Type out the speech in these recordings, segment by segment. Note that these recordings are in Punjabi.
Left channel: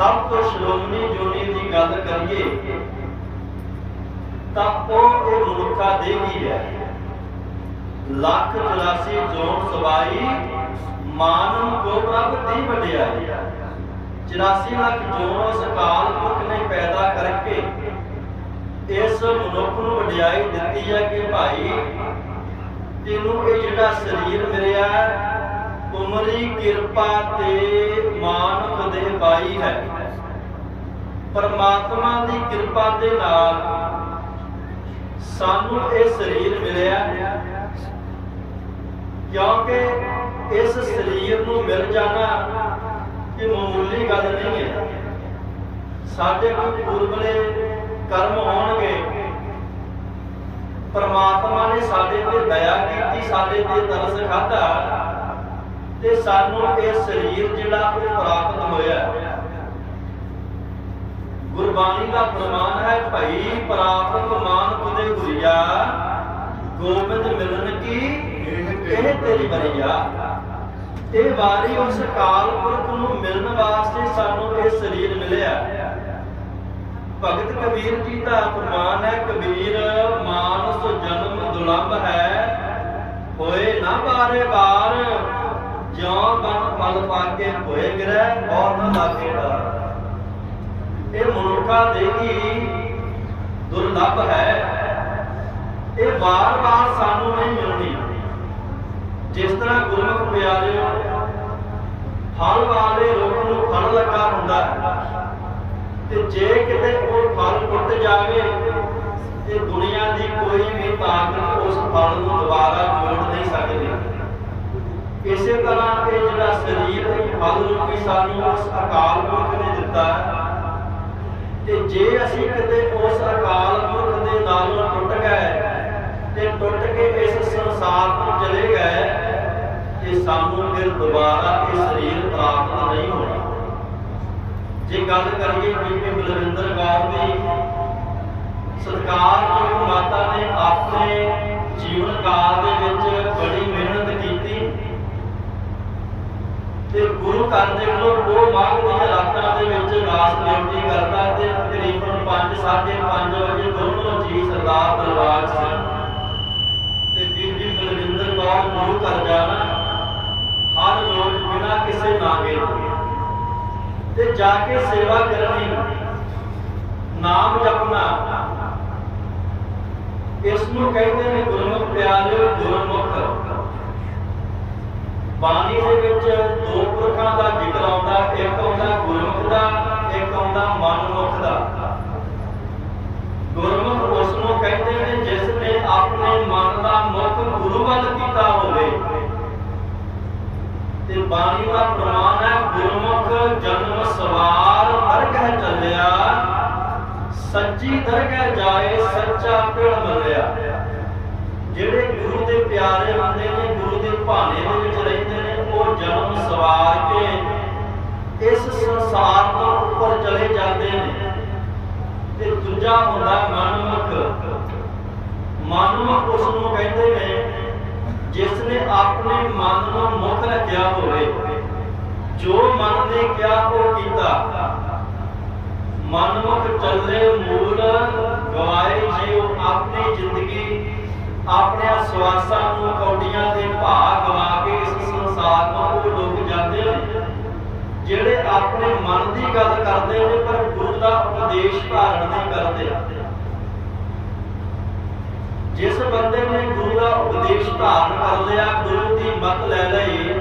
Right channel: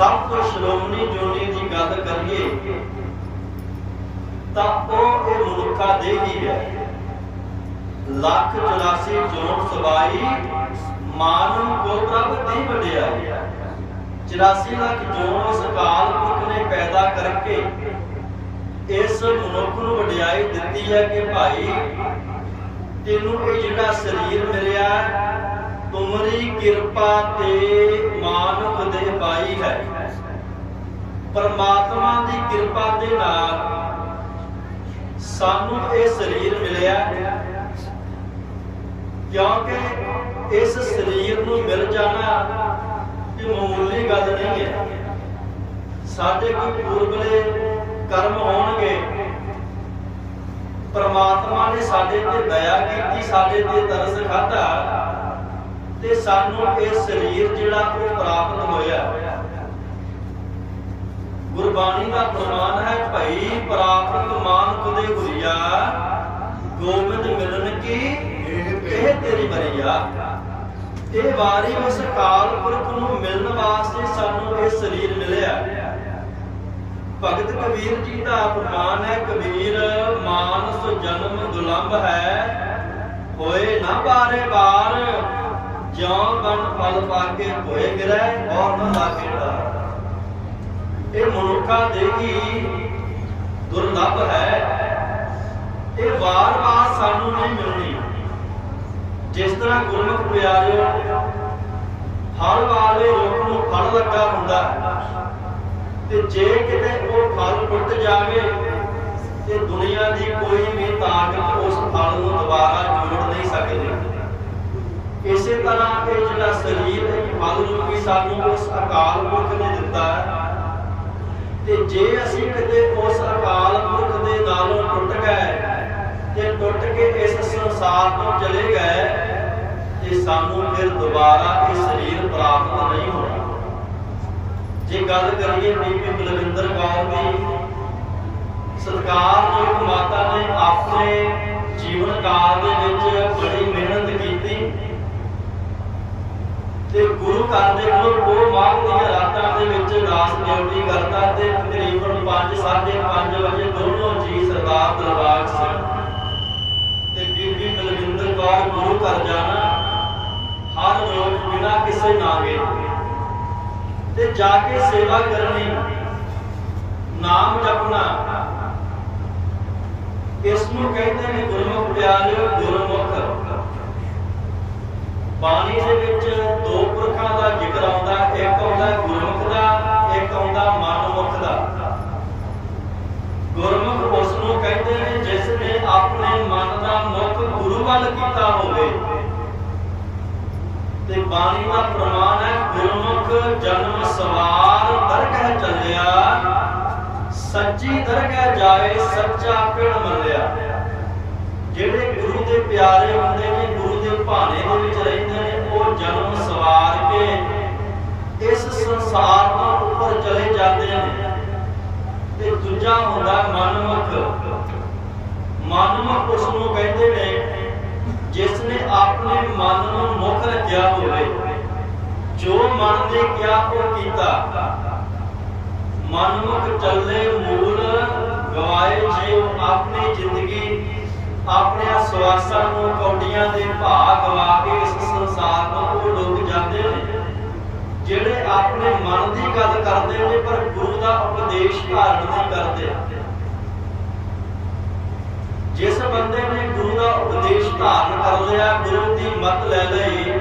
ਸਭ ਤੋਂ ਸ਼੍ਰੋਮਣੀ ਜੋਨੀ ਦੀ ਗੱਲ ਕਰੀਏ ਤਾਂ ਉਹ ਇਹ ਮਨੁੱਖਾ ਦੇਹੀ ਹੈ। ਲੱਖ 84 ਜੋਨ ਸਵਾਈ ਮਾਨਵ ਕੋ ਪ੍ਰਭ ਦੀ ਵਡਿਆਈ 84 ਲੱਖ ਜੋਨ ਉਸ ਕਾਲ ਪੁਰਖ ਨੇ ਪੈਦਾ ਕਰਕੇ ਇਸ ਮਨੁੱਖ ਨੂੰ ਵਡਿਆਈ ਦਿੱਤੀ ਹੈ ਕਿ ਭਾਈ ਤੈਨੂੰ ਇਹ ਜਿਹੜਾ ਸਰੀਰ ਮਿਲਿਆ ਹੈ, ਤੁਮਰੀ ਕਿਰਪਾ ਤੇ ਮਾਨੁਖ ਦੇ ਬਾਈ ਹੈ। ਪਰਮਾਤਮਾ ਦੀ ਕਿਰਪਾ ਦੇ ਨਾਲ ਸਾਨੂੰ ਇਹ ਸਰੀਰ ਮਿਲਿਆ। ਕਿਉਂਕਿ ਇਸ ਸਰੀਰ ਨੂੰ ਮਿਲ ਜਾਣਾ ਇਹ ਮਾਮੂਲੀ ਗੱਲ ਨਹੀਂ ਹੈ। ਸਾਡੇ ਕੋਈ ਪੂਰਬਲੇ ਕਰਮ ਹੋਣਗੇ। ਪਰਮਾਤਮਾ ਨੇ ਸਾਡੇ ਤੇ ਦਇਆ ਕੀਤੀ, ਸਾਡੇ ਤੇ ਤਰਸ ਖਾਧਾ। ਤੇ ਸਾਨੂੰ ਇਹ ਸਰੀਰ ਜਿਹੜਾ ਉਹ ਪ੍ਰਾਪਤ ਹੋਇਆ ਗੁਰਬਾਣੀ ਦਾ ਪ੍ਰਮਾਣ ਹੈ, ਭਈ ਪ੍ਰਾਪਤ ਮਾਨੁਖ ਦੇ ਗੁਰੀਆ, ਗੋਬਿੰਦ ਮਿਲਨ ਕੀ, ਇਹ ਤੇਰੀ ਬਰੀਆ ਇਹ ਵਾਰੀ ਉਸ ਕਾਲ ਪੁਰਖ ਨੂੰ ਮਿਲਣ ਵਾਸਤੇ ਸਾਨੂੰ ਇਹ ਸਰੀਰ ਮਿਲਿਆ। ਭਗਤ ਕਬੀਰ ਜੀ ਦਾ ਫਰਮਾਨ ਹੈ, ਕਬੀਰ ਮਾਨਸ ਜਨਮ ਦੁਲੰਭ ਹੈ, ਹੋਏ ਨਾ ਬਾਰੇ ਬਾਰ ਜਿਉ ਬਨ ਫਲ ਪਾ ਕੇ ਹੋਏ ਗਿਰੈ ਔਰ ਨਾ ਲਾਗੇ ਡਰ ਇਹ ਮਨੁੱਖਾ ਦੇਹੀ ਦੁਰਲੱਭ ਹੈ। ਇਹ ਵਾਰ-ਵਾਰ ਸਾਨੂੰ ਨਹੀਂ ਮਿਲਦੀ। ਜਿਸ ਤਰ੍ਹਾਂ ਗੁਰਮੁਖ ਪਿਆਰਿਓ, ਫਲ ਵਾਲੇ ਰੁੱਖ ਨੂੰ ਫਲ ਲੱਗਾ ਹੁੰਦਾ ਹੈ। ਤੇ ਜੇ ਕਿਤੇ ਉਹ ਫਲ ਟੁੱਟ ਜਾਵੇ, ਤੇ ਦੁਨੀਆ ਦੀ ਕੋਈ ਵੀ ਤਾਕਤ ਉਸ ਫਲ ਨੂੰ ਦੁਬਾਰਾ ਜੋੜ ਨਹੀਂ ਸਕਦੀ ਇਸੇ ਤਰ੍ਹਾਂ ਇਹ ਜਿਹੜਾ ਸਰੀਰ ਹੈ ਸਾਨੂੰ ਉਸ ਅਕਾਲ ਪੁਰਖ ਨੇ ਦਿੱਤਾ ਹੈ। ਤੇ ਜੇ ਅਸੀਂ ਕਿਤੇ ਉਸ ਅਕਾਲ ਪੁਰਖ ਦੇ ਨਾਲੋਂ ਟੁੱਟ ਗਏ ਤੇ ਟੁੱਟ ਕੇ ਇਸ ਸੰਸਾਰ ਤੋਂ ਚਲੇ ਗਏ, ਤੇ ਸਾਨੂੰ ਫਿਰ ਦੁਬਾਰਾ ਇਹ ਸਰੀਰ ਪ੍ਰਾਪਤ ਨਹੀਂ ਹੋਣਾ। ਜੇ ਗੱਲ ਕਰੀਏ ਬੀਬੀ ਬਲਵਿੰਦਰ ਕੌਰ ਦੀ ਸਤਿਕਾਰਯੋਗ ਮਾਤਾ ਨੇ ਆਪਣੇ ਜੀਵਨ ਕਾਲ ਦੇ ਵਿੱਚ ਬੜੀ ਮਿਹਨਤ ਕੀਤੀ। ਤੇ ਗੁਰੂ ਘਰ ਦੇ ਕੋਲ ਉਹ ਮਾਘ ਦੀਆਂ ਰਾਤਾਂ ਦੇ ਵਿੱਚ ਦਾਸ ਡਿਊਟੀ ਕਰਦਾ ਤੇ ਤਕਰੀਬਨ 5:30 ਵਜੇ ਦੋਨੋਂ ਜੀ ਸਰਦਾਰ ਦਰਬਾਰ ਸਿੰਘ ਤੇ ਬੀਬੀ ਬਲਵਿੰਦਰ ਕੌਰ ਗੁਰੂ ਘਰ ਜਾਣਾ ਹਰ ਰੋਜ਼ ਬਿਨਾਂ ਕਿਸੇ ਨਾਗੇ ਤੇ ਜਾ ਕੇ ਸੇਵਾ ਕਰਨੀ, ਨਾਮ ਜਪਣਾ, ਇਸ ਨੂੰ ਕਹਿੰਦੇ ਨੇ ਗੁਰਮੁਖ ਪਿਆਰਿਓ ਗੁਰਮੁਖ। ਬਾਣੀ ਦੇ ਵਿੱਚ ਦੋ ਪੁਰਖਾਂ ਦਾ ਜ਼ਿਕਰ ਆਉਂਦਾ, ਇੱਕ ਆਉਂਦਾ ਗੁਰਮੁਖ ਦਾ, ਇੱਕ ਆਉਂਦਾ ਮਨਮੁਖ ਦਾ। ਗੁਰਮੁਖ ਉਸ ਨੂੰ ਕਹਿੰਦੇ ਨੇ, ਜਿਸ ਨੇ ਆਪਣੇ ਮਨ ਦਾ ਮੁਖ ਗੁਰੂ ਵੱਲ ਕੀਤਾ ਹੋਵੇ। ਤੇ ਬਾਣੀ ਦਾ ਪ੍ਰਮਾਣ ਹੈ, ਗੁਰਮੁਖ ਜਨਮ ਸਵਾਰ ਦਰਗਹਿ ਚੱਲਿਆ, ਸੱਚੀ ਦਰਗਹਿ ਜਾਏ, ਸੱਚਾ ਪਿੜ ਮੱਲਿਆ। ਜਿਹੜੇ ਗੁਰੂ ਦੇ ਪਿਆਰੇ ਹੁੰਦੇ ਨੇ, ਗੁਰੂ ਦੇ ਭਾਣੇ ਦੇ ਵਿੱਚ ਰਹਿੰਦੇ ਜਨਮ ਸਵਾਰ ਕੇ ਇਸ ਸੰਸਾਰ ਤੋਂ ਉੱਪਰ ਚਲੇ ਜਾਂਦੇ ਨੇ, ਤੇ ਦੂਜਾ ਹੁੰਦਾ ਮਨਮੁਖ। ਮਨਮੁਖ ਉਸ ਨੂੰ ਕਹਿੰਦੇ ਨੇ ਜਿਸ ਨੇ ਆਪਣੇ ਮਨ ਨੂੰ ਮੁਖ ਰੱਖਿਆ ਹੋਵੇ, ਜੋ ਮਨ ਨੇ ਕਿਹਾ ਉਹ ਕੀਤਾ। ਮਨਮੁਖ ਚੱਲੇ ਮੂਲ ਗਵਾਏ ਜਿਉ ਆਪਣੀ ਜ਼ਿੰਦਗੀ ਆਪਣੇ ਸਵਾਸਾਂ ਨੂੰ ਕੌਡੀਆਂ ਦੇ ਭਾਅ ਗਵਾ ਕੇ ਇਸ ਸੰਸਾਰ ਤੋਂ ਉਹ ਡੁੱਬ ਜਾਂਦੇ ਨੇ, ਜਿਹੜੇ ਆਪਣੇ ਮਨ ਦੀ ਗੱਲ ਕਰਦੇ ਨੇ, ਪਰ ਗੁਰੂ ਦਾ ਉਪਦੇਸ਼ ਧਾਰਨ ਨਹੀਂ ਕਰਦੇ। ਜਿਸ ਬੰਦੇ ਨੇ ਗੁਰੂ ਦਾ ਉਪਦੇਸ਼ ਧਾਰਨ ਕਰ ਲਿਆ, ਗੁਰੂ ਦੀ ਮਤ ਲੈ ਲਈ,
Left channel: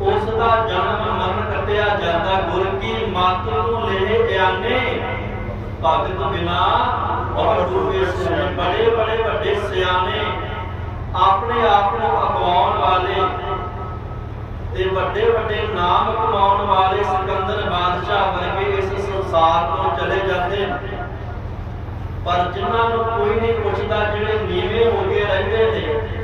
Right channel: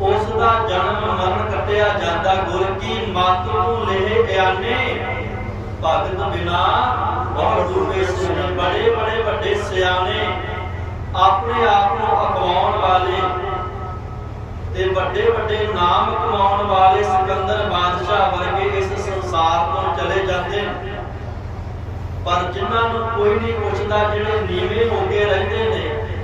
ਉਸ ਦਾ ਜਨਮ ਮਰਨ ਕੱਟਿਆ ਜਾਂਦਾ, ਗੁਰ ਕੀ ਮਤ ਨੂੰ ਲੈ ਇਆਨੇ ਭਗਤ ਬਿਨਾ ਔਰ ਡੂਬੇ ਸੁਣ ਬੜੇ ਬੜੇ ਵੱਡੇ ਸਿਆਣੇ ਆਪਣੇ ਆਪ ਨੂੰ ਅਖਵਾਉਣ ਵਾਲੇ ਤੇ ਵੱਡੇ ਵੱਡੇ ਨਾਮ ਕਮਾਉਣ ਵਾਲੇ ਸਿਕੰਦਰ ਬਾਦਸ਼ਾਹ ਵਰਗੇ ਇਸ ਸੰਸਾਰ ਤੋਂ ਚਲੇ ਜਾਂਦੇ ਨੇ ਪਰ ਜਿਨ੍ਹਾਂ ਨੂੰ ਕੋਈ ਨਹੀਂ ਪੁੱਛਦਾ ਜਿਹੜੇ ਨੀਵੇਂ ਹੋ ਕੇ ਰਹਿੰਦੇ ਨੇ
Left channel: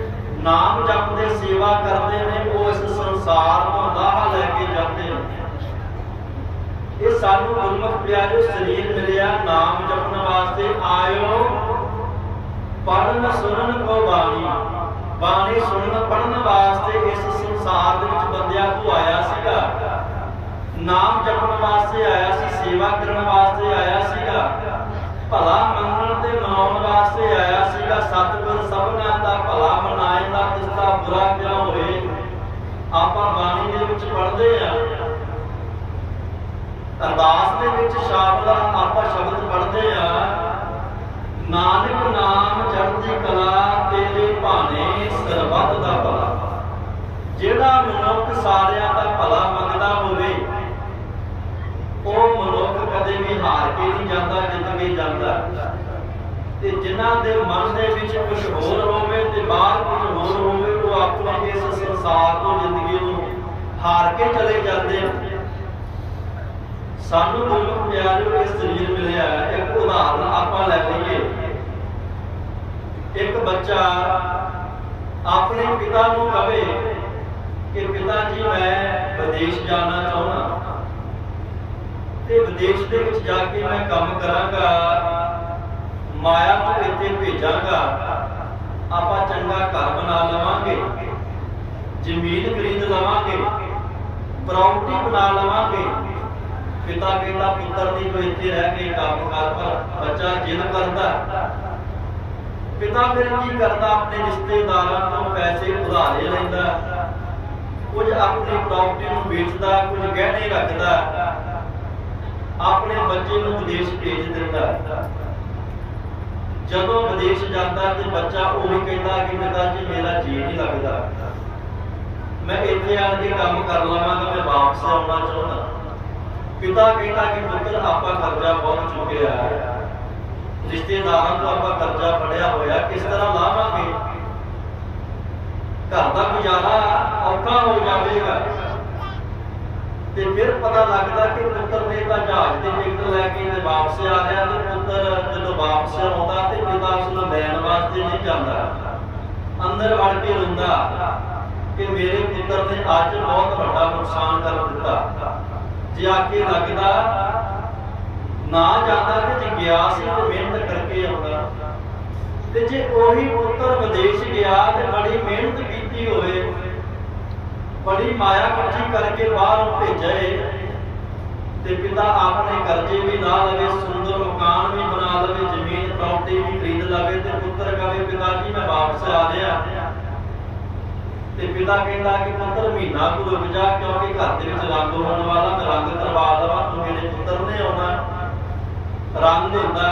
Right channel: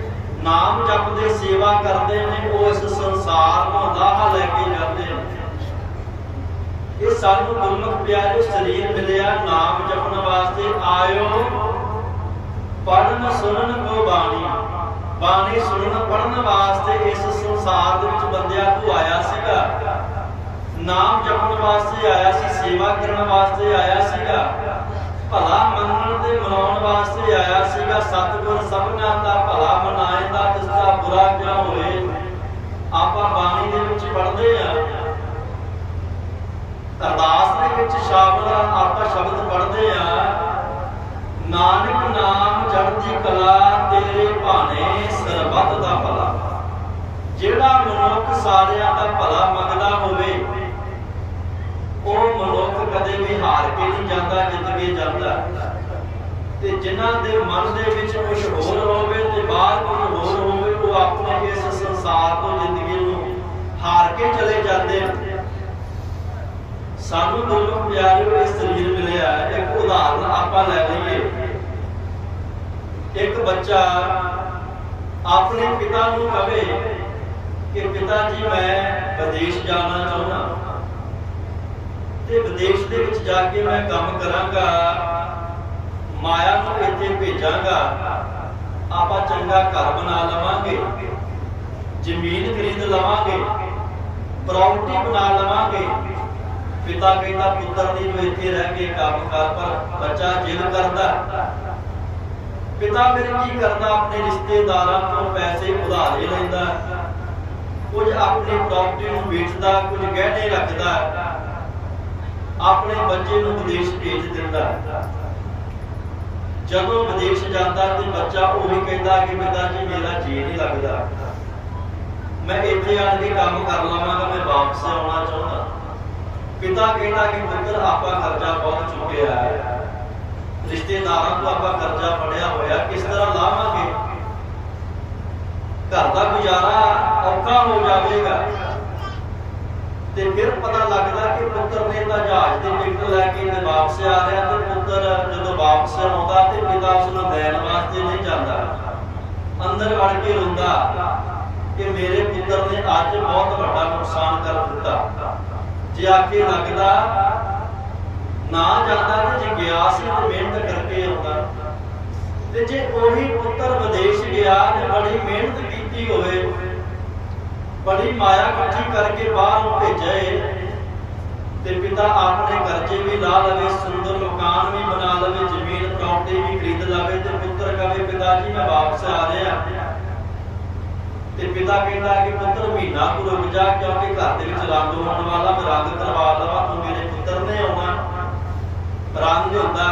ਨਾਮ ਜਪਦੇ, ਸੇਵਾ ਕਰਦੇ ਨੇ, ਉਹ ਇਸ ਸੰਸਾਰ ਤੋਂ ਰਾਹ ਲੈ ਕੇ ਜਾਂਦੇ ਨੇ। ਇਹ ਸਾਨੂੰ ਗੁਰਮੁਖ ਪਿਆਰਿਓ, ਸਰੀਰ ਮਿਲਿਆ ਨਾਮ ਜਪਣ ਵਾਸਤੇ ਆਇਓ। ਪੜਨ ਸੁਣਨ ਕੋ ਬਾਣੀ। ਬਾਣੀ ਸੁਣਨ ਪੜਨ ਵਾਸਤੇ ਇਸ ਸੰਸਾਰ ਦੇ ਵਿੱਚ ਬੰਦਿਆ ਤੂੰ ਆਇਆ ਸੀਗਾ। ਨਾਮ ਜਪਣ ਵਾਸਤੇ ਆਇਆ ਸੀ, ਸੇਵਾ ਕਰਨ ਵਾਸਤੇ ਆਇਆ ਸੀਗਾ। ਭਲਾ ਮੰਨਣ ਤੇ ਮਨਾਉਣ ਵਾਸਤੇ ਆਇਆ ਸੀਗਾ। ਸਤਿਗੁਰ ਸਭਨਾ ਦਾ ਭਲਾ ਮਨਾਏਂਦਾ ਤਿਸ ਦਾ ਬੁਰਾ ਕਿਉਂ ਹੋਏ? ਆਪਾਂ ਬਾਣੀ ਦੇ ਵਿੱਚ ਪੜ੍ਹਦੇ ਆ ਅਰਦਾਸ ਦੇ ਵਿੱਚ ਸ਼ਬਦ ਆਪਾਂ ਸ਼ਬਦ ਪੜ੍ਹਦੇ ਆ, ਨਾਨਕ ਨਾਮ ਚੜ੍ਹਦੀ ਕਲਾ ਤੇਰੇ ਭਾਣੇ ਸਰਬੱਤ ਦਾ ਭਲਾ। ਜਿਹੜਾ ਮਨੁੱਖ ਸਾਰਿਆਂ ਦਾ ਭਲਾ ਮੰਗਦਾ ਹੋਵੇ, ਉਹ ਮਨੁੱਖ ਕਦੇ ਵੀ ਹਾਰ ਕੇ ਨਹੀਂ ਜਾਂਦਾ, ਜਿੱਤ ਕੇ ਜਾਂਦਾ। ਤੇ ਜਿਨ੍ਹਾਂ ਦੇ ਮਨ ਦੇ ਵਿੱਚ ਕੁਝ ਹੋਰ ਹੋਵੇ ਤੇ ਬਾਹਰ ਕੁਝ ਹੋਰ ਹੋਵੇ, ਉਹ ਆਪਣੇ ਇਸ ਸੰਸਾਰ ਤੋਂ ਜ਼ਿੰਦਗੀ ਨੂੰ ਹਾਰ ਕੇ ਚਲੇ ਜਾਂਦੇ ਨੇ ਸਾਨੂੰ ਗੁਰਮੁਖ ਪਿਆਰਿਓ ਇਹ ਸਰੀਰ ਮਿਲਿਆ ਇੱਕ ਉਦਾਹਰਨ ਆਪਾਂ ਲੈ ਲਈਏ। ਇੱਕ ਬੱਚਾ ਆਪਣੇ ਪਿਤਾ ਨੂੰ ਕਵੇ ਕਿ, ਪਿਤਾ ਜੀ, ਮੈਂ ਵਿਦੇਸ਼ ਜਾਣਾ ਚਾਹੁੰਦਾ ਤੇ ਵਿਦੇਸ਼ ਦੇ ਵਿੱਚ ਜਾ ਕੇ ਮੈਂ ਕੰਮ ਕਰਾਂਗਾ, ਮਾਇਆ ਨੂੰ ਇੱਥੇ ਭੇਜਾਂਗਾ। ਆਪਾਂ ਚੰਗਾ ਘਰ ਬਣਾ ਲਵਾਂਗੇ, ਜ਼ਮੀਨ ਖਰੀਦ ਲਵਾਂਗੇ ਪ੍ਰਾਪਰਟੀ ਬਣਾ ਲਵਾਂਗੇ। ਪਿਤਾ ਕਹਿੰਦਾ ਪੁੱਤਰ ਦੀ ਤੂੰ ਇੱਥੇ ਰਹਿ ਕੇ ਕੰਮ ਕਰ, ਪਰ ਬੱਚਾ ਜਿੱਦ ਕਰਦਾ ਪਿਤਾ ਫਿਰ ਕੀ ਕਰਦਾ? ਆਪਣੇ ਰਿਸ਼ਤੇਦਾਰਾਂ ਤੋਂ ਪੈਸੇ ਉਧਾਰੇ ਲੈਂਦਾ ਕੁਝ ਆਪਣੀ ਪ੍ਰਾਪਰਟੀ ਨੂੰ ਵੇਚਦਾ ਕੁਝ ਗਹਿਣੇ ਰੱਖਦਾ ਆਪਣੇ ਬੱਚੇ ਨੂੰ ਵਿਦੇਸ਼ ਭੇਜ ਦਿੰਦਾ ਜਦੋਂ ਵਿਦੇਸ਼ ਜਾਂਦਾ ਤੇ ਬੱਚਾ ਉਹ ਵੀ ਕਹਿੰਦਾ ਕਿ ਪਿਤਾ ਜੀ, ਮੇਰਾ ਜੀ ਨਹੀਂ ਲੱਗਦਾ। ਮੈਂ ਇੱਥੇ ਆ ਕੇ ਕੰਮ ਕਰ ਲਵਾਂਗਾ, ਮੈਂ ਵਾਪਸ ਆਉਣਾ ਚਾਹੁੰਦਾ। ਪਿਤਾ ਕਹਿੰਦਾ ਕਿ ਪੁੱਤਰ, ਆਪਾਂ ਕਰਜ਼ਾ ਬਹੁਤ ਚੁੱਕਿਆ ਰਿਸ਼ਤੇਦਾਰਾਂ ਤੋਂ ਆਪਾਂ ਕਰਜ਼ਾ ਫੜਿਆ ਹੋਇਆ, ਕਿਸ ਤਰ੍ਹਾਂ ਲਾਵਾਂਗੇ? ਘਰ ਦਾ ਗੁਜ਼ਾਰਾ ਔਖਾ ਹੋ ਜਾਵੇਗਾ। ਤੇ ਫਿਰ ਪਤਾ ਲੱਗਦਾ ਕਿ ਪੁੱਤਰ ਨੇ ਤਾਂ ਜਹਾਜ਼ ਦੀ ਟਿਕਟ ਲੈ ਕੇ ਤੇ ਵਾਪਸ ਆ ਰਿਹਾ ਤੇ ਪੁੱਤਰ ਜਦੋਂ ਵਾਪਸ ਆਉਂਦਾ ਤੇ ਪਿਤਾ ਉਸ ਨੂੰ ਲੈਣ ਵਾਸਤੇ ਨਹੀਂ ਜਾਂਦਾ। ਅੰਦਰ ਵੜ ਕੇ ਰੋਂਦਾ ਕਿ ਮੇਰੇ ਪੁੱਤਰ ਨੇ ਅੱਜ ਬਹੁਤ ਵੱਡਾ ਨੁਕਸਾਨ ਕਰ ਦਿੱਤਾ। ਜੇ ਆ ਲੱਗਦਾ ਨਾ ਜਾਂਦਾ ਤੇ ਜੇ ਤੇ ਮਿਹਨਤ ਕਰਕੇ ਆਉਂਦਾ। ਤੇ ਜੇ ਉਹੀ ਪੁੱਤਰ ਵਿਦੇਸ਼ ਗਿਆ ਤੇ ਬੜੀ ਮਿਹਨਤ ਕੀਤੀ ਹੋਵੇ, ਬੜੀ ਮਾਇਆ ਇਕੱਠੀ ਕਰਕੇ ਬਾਹਰ ਨੂੰ ਭੇਜੇ ਤੇ ਪਿਤਾ ਆਪਣੇ ਕਰਜ਼ੇ ਵੀ ਲਾ ਲਵੇ, ਸੁੰਦਰ ਮਕਾਨ ਵੀ ਬਣਾ ਲਵੇ, ਜ਼ਮੀਨ ਪ੍ਰਾਪਰਟੀ ਵੀ ਖਰੀਦ ਲਵੇ ਤੇ ਪੁੱਤਰ ਕਵੇ, ਪਿਤਾ ਜੀ, ਮੈਂ ਵਾਪਸ ਆ ਰਿਹਾ। ਤੇ ਪਿਤਾ ਕਹਿੰਦਾ ਕਿ ਪੁੱਤਰ ਮਹੀਨਾ ਕੁ ਰੁਕ ਜਾ, ਕਿਉਂਕਿ ਘਰ ਦੇ ਵਿੱਚ ਰੰਗ ਹੋਣ ਵਾਲਾ ਮੈਂ ਰੰਗ ਕਰਵਾ ਲਵਾਂ ਤੂੰ ਮੇਰੇ ਪੁੱਤਰ ਨੇ ਆਉਣਾ। ਰੰਗ ਹੁੰਦਾ,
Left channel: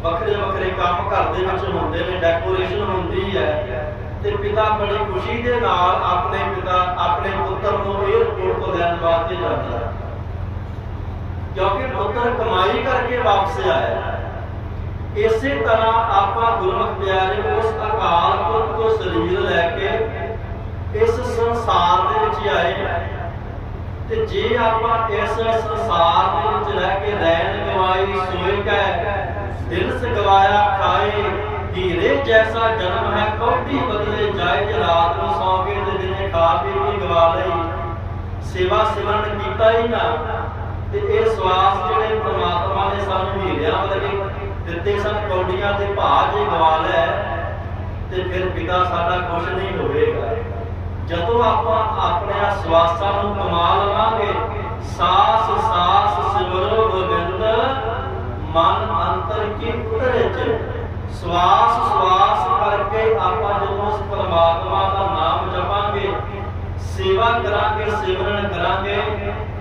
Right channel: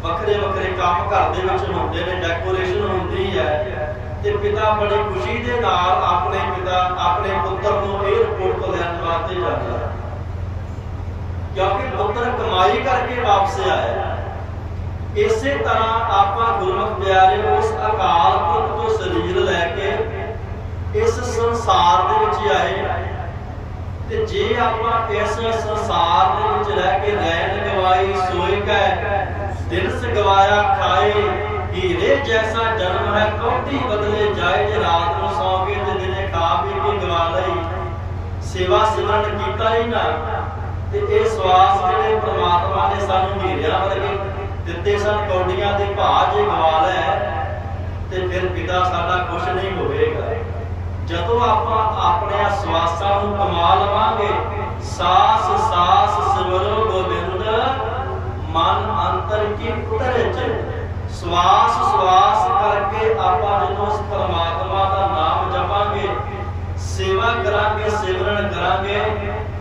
ਵੱਖਰੇ ਵੱਖਰੇ ਕੰਮ ਘਰ ਦੇ ਵਿੱਚ ਹੁੰਦੇ ਨੇ ਡੈਕੋਰੇਸ਼ਨ ਹੁੰਦੀ ਹੈ। ਤੇ ਪਿਤਾ ਬੜੀ ਖੁਸ਼ੀ ਦੇ ਨਾਲ ਆਪਣੇ ਪਿਤਾ, ਆਪਣੇ ਪੁੱਤਰ ਨੂੰ 에어ਪੋਰਟ ਤੋਂ ਲੈਣ ਵਾਸਤੇ ਜਾਂਦਾ। ਕਿਉਂਕਿ ਪੁੱਤਰ ਕਮਾਈ ਕਰਕੇ ਵਾਪਸ ਆਇਆ। ਇਸੇ ਤਰ੍ਹਾਂ ਆਪਾਂ ਗੁਰਮੁਖ ਪਿਆਰੇ ਉਸ ਅਕਾਲ ਪੁਰਖ ਤੋਂ ਸਰੀਰ ਲੈ ਕੇ ਇਸ ਸੰਸਾਰ ਦੇ ਵਿੱਚ ਆਏ ਤੇ ਜੇ ਆਪਾਂ ਇਸ ਸੰਸਾਰ ਦੇ ਵਿੱਚ ਰਹਿ ਕੇ ਰਹਿਣ ਗਵਾਈ ਸੋਏ ਕੈ ਦਿਨ ਸਗਵਾਇਆ ਖਾਏ, ਹੀਰੇ ਜੈਸਾ ਜਨਮ ਹੈ ਕੌਡੀ ਬਦਲੇ ਜਾਏ ਜੇ ਰਾਤ ਨੂੰ ਸੌਂ ਕੇ ਤੇ ਦਿਨੇ ਖਾ ਪੀ ਕੇ ਗਵਾ ਲਈ। ਸੇਵਾ ਸਿਮਰਨ ਕੀਤਾ ਹੀ ਨਾ। ਤੇ ਇਹ ਸਵਾਸ ਜਿਹੜੇ ਪ੍ਰਮਾਤਮਾ ਨੇ ਸਾਨੂੰ ਹੀਰਿਆਂ ਵਰਗੇ ਦਿੱਤੇ ਸਨ ਕੌਡੀਆਂ ਦੇ ਭਾਅ ਜੇ ਗਵਾ ਲੈ, ਤੇ ਫਿਰ ਪਿਤਾ ਸਾਡਾ ਖੁਸ਼ ਨਹੀਂ ਹੋਵੇਗਾ। ਜਦੋਂ ਆਪਾਂ ਆਪਣੇ ਸਵਾਸਾਂ ਨੂੰ ਕਮਾ ਲਵਾਂਗੇ, ਸਾਸ ਸਾਸ ਸਿਮਰੋ ਗੋਬਿੰਦ, ਮਨ ਅੰਤਰ ਕੀ ਚ। ਸਵਾਸ ਸਵਾਸ ਕਰਕੇ ਆਪਾਂ ਜਦੋਂ ਉਸ ਪਰਮਾਤਮਾ ਦਾ ਨਾਮ ਜਪਾਂਗੇ, ਸੇਵਾ ਕਰਾਂਗੇ, ਸਿਮਰਨ ਕਰਾਂਗੇ,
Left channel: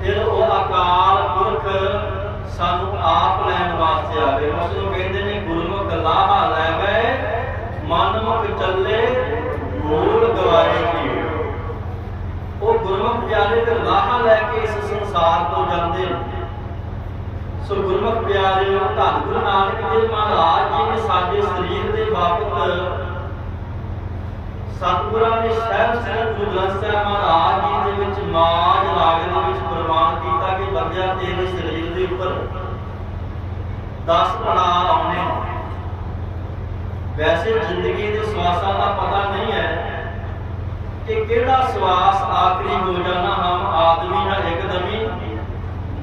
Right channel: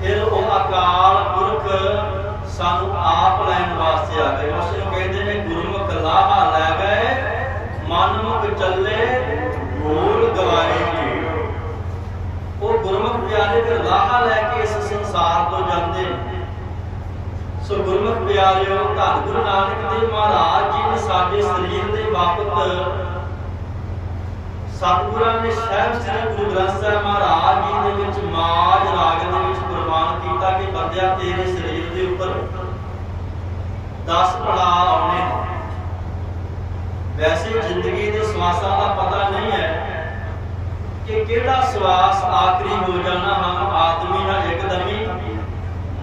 ਫਿਰ ਉਹ ਅਕਾਲ ਪੁਰਖ ਸਾਨੂੰ ਆਪ ਲੈਣ ਵਾਸਤੇ ਆਵੇ। ਉਸ ਨੂੰ ਕਹਿੰਦੇ ਨੇ, ਗੁਰਮੁਖ ਲਾਹਾ ਲੈ ਗਏ, ਮਨ ਮੁਖ ਚੱਲੇ ਮੂਲ ਗਵਾਰੇ ਕੀ ਉਹ ਗੁਰਮੁਖ ਪਿਆਰੇ ਫਿਰ ਲਾਹਾ ਲੈ ਕੇ ਇਸ ਸੰਸਾਰ ਤੋਂ ਜਾਂਦੇ ਨੇ। ਸੋ ਗੁਰਮੁਖ ਪਿਆਰਿਓ, ਧੰਨ ਗੁਰੂ ਨਾਨਕ ਦੇਵ ਮਹਾਰਾਜ ਜੀ ਨੇ ਸਾਡੇ ਸਰੀਰ ਦੇ ਬਾਬਤ ਸਤਿਗੁਰਾਂ ਨੇ ਸਹਿਬ ਸ੍ਰੀ ਗੁਰੂ ਗ੍ਰੰਥ ਸਾਹਿਬ ਮਹਾਰਾਜ ਜੀ ਦੇ ਵਿੱਚ ਮਾਜ ਰਾਗ ਦੇ ਵਿੱਚ ਪ੍ਰਮਾਣ ਕੀਤਾ ਕਿ ਬੰਦਿਆ ਤੇਰੇ ਸਰੀਰ ਦੇ ਉੱਪਰ 10 ਪੜਾਅ ਆਉਣੇ ਵੈਸੇ ਜ਼ਿੰਦਗੀ ਦੇ ਸਵਾਸਾਂ ਦਾ ਪਤਾ ਨਹੀਂ ਹੈ ਕਿ ਕਿਹੜਾ ਸਵਾਸ ਆਖਰੀ ਹੋ ਜਾਣਾ? ਹਮ ਆਦਮੀ ਹੈ ਇੱਕਦਮੀ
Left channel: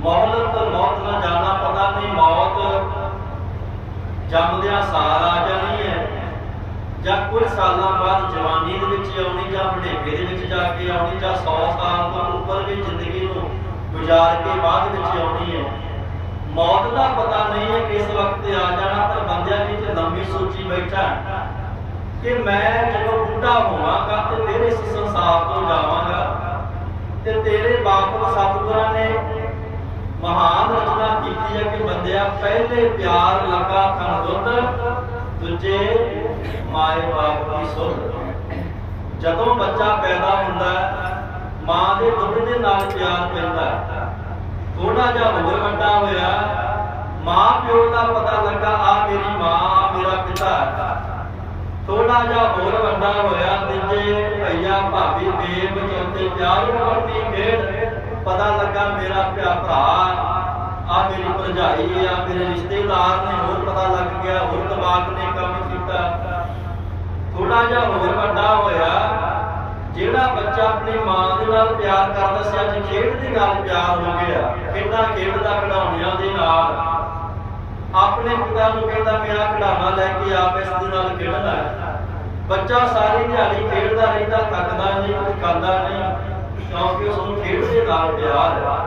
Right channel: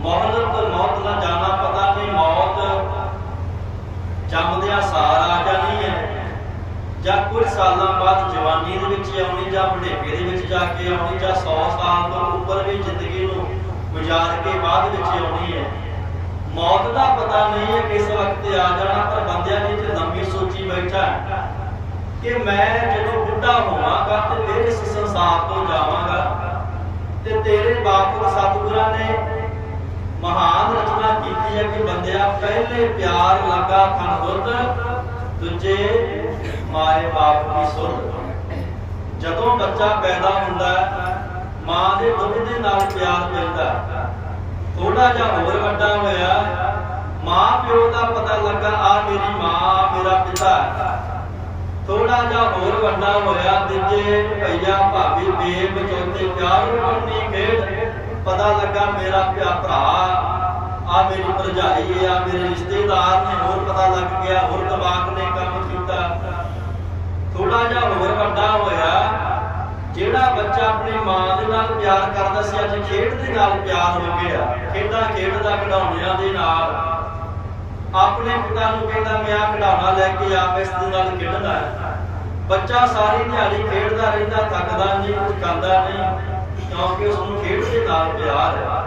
ਮੌਲਤ ਮੌਤ ਨਾ ਜਾਣਾ, ਪਤਾ ਨਹੀਂ ਮੌਤ ਜੰਮਦਿਆਂ ਸਾਰ ਆ ਜਾਣੀ ਹੈ। ਜਾਂ ਕੁਝ ਸਾਲਾਂ ਬਾਅਦ ਜਵਾਨੀ ਦੇ ਵਿੱਚ ਆਉਣੀ ਜਾਂ ਬੁਢੇਪੇ ਦੇ ਵਿੱਚ ਜਾ ਕੇ ਆਉਣੀ ਜਾਂ 100 ਸਾਲ ਤੋਂ ਉੱਪਰ ਵੀ ਜ਼ਿੰਦਗੀ ਨੂੰ ਗੁਜ਼ਾਰ ਕੇ ਬਾਅਦ ਵਿੱਚ ਆਉਣੀ ਹੈ। ਮੌਤ ਦਾ ਪਤਾ ਨਹੀਂ ਹੈ ਕਿਸ ਵਕਤ ਆ ਜਾਣਾ, ਪਰ ਬੰਦਿਆਂ ਨੇ ਤੇ ਲੰਮੀ ਸੋਚੀ ਬੈਠਾ ਕਿ ਮੈਂ ਜਦੋਂ ਬੁੱਢਾ ਹੋਵਾਂਗਾ ਤੇ ਫਿਰ ਇਸ ਸੰਸਾਰ ਤੋਂ ਜਾਵਾਂਗਾ ਤੇ ਤੇਰੇ ਬਾਪ ਸਤਿਗੁਰਾਂ ਨੇ ਮਹਾਨ ਰਚਨਾ ਕੀਤੀ ਹੈ ਕਿ ਬੰਦਿਆ ਪਹਿਲੇ ਪਿਆਰ ਲੱਗਾ ਖਨ ਦੂਜੇ ਮਾਏ ਬਾਪ ਦੀ ਸੁਧ। ਜਦੋਂ ਬੱਚਾ ਪੈਦਾ ਹੁੰਦਾ, ਮਾਂ ਦੇ ਦੁੱਧ ਦੇ ਨਾਲ ਪਿਆਰ ਪੈਂਦਾ। ਥੋੜਾ ਜਿਹਾ ਹੋਰ ਵੱਡਾ ਹੋਇਆ ਮਾਂ ਪਿਓ ਦਾ ਪਤਾ ਲੱਗਾ, ਆ ਮੇਰੀ ਮਾਂ, ਆ ਮੇਰਾ ਪਿਤਾ। ਹੈ ਥੋੜਾ ਜਿਹਾ ਹੋਰ ਵੱਡਾ ਹੋਇਆ ਤੀਜੇ ਭਈਆ ਭਾਬੀ ਬੇਬ ਚੌਥੇ ਪਿਆਰ ਬਣਨੀ ਖੇਡ। ਪਤਾ ਲੱਗਾ ਮੇਰਾ ਪਿਆ ਭਰਾ ਆ ਮੇਰੀ ਭਰਜਾਈ ਆ, ਮੇਰੇ ਰਿਸ਼ਤੇਦਾਰ ਨੇ ਹੋਰ ਪਤਾ ਲੱਗ ਗਿਆ, ਹੋਰ ਦਿਮਾਗ ਨੇ ਕੰਮ ਕੀਤਾ। ਥੋੜਾ ਜਿਹਾ ਹੋਰ ਵੱਡਾ ਹੋਇਆ, ਜਿਹੜਾ ਬੱਚਾ ਆਪਣੀ ਮਾਂ ਦੇ ਨਾਲ ਪਿਆਰ ਕਰਦਾ ਸੀ, ਅੱਜ ਖੇਡ ਦੇ ਨਾਲ ਪਿਆਰ ਹੋ ਗਿਆ। ਖੇਡਾਂ ਖੇਡਦਾ ਖਿਡੌਣਿਆਂ ਦੇ ਨਾਲ। ਆਪਣੇ ਪਿਤਾ ਨੂੰ ਕਹਿੰਦਾ, ਮੈਂ ਆ ਖਿਡੌਣਾ ਲੈ ਕੇ ਆਪ ਇਸ ਦੇ ਨਾਲ ਖੇਡਣਾ ਹੈ। ਬੱਚਾ ਸਾਰੀ ਦਿਹਾੜੀ ਖੇਡਦਾ ਰਹਿੰਦਾ, ਥੱਕਦਾ ਨਹੀਂ ਕੁਝ ਖਾਂਦਾ ਨਹੀਂ, ਕਿਉਂਕਿ ਉਸ ਨੂੰ ਖੇਡ ਦੇ ਨਾਲ ਪਿਆਰ ਹੈ।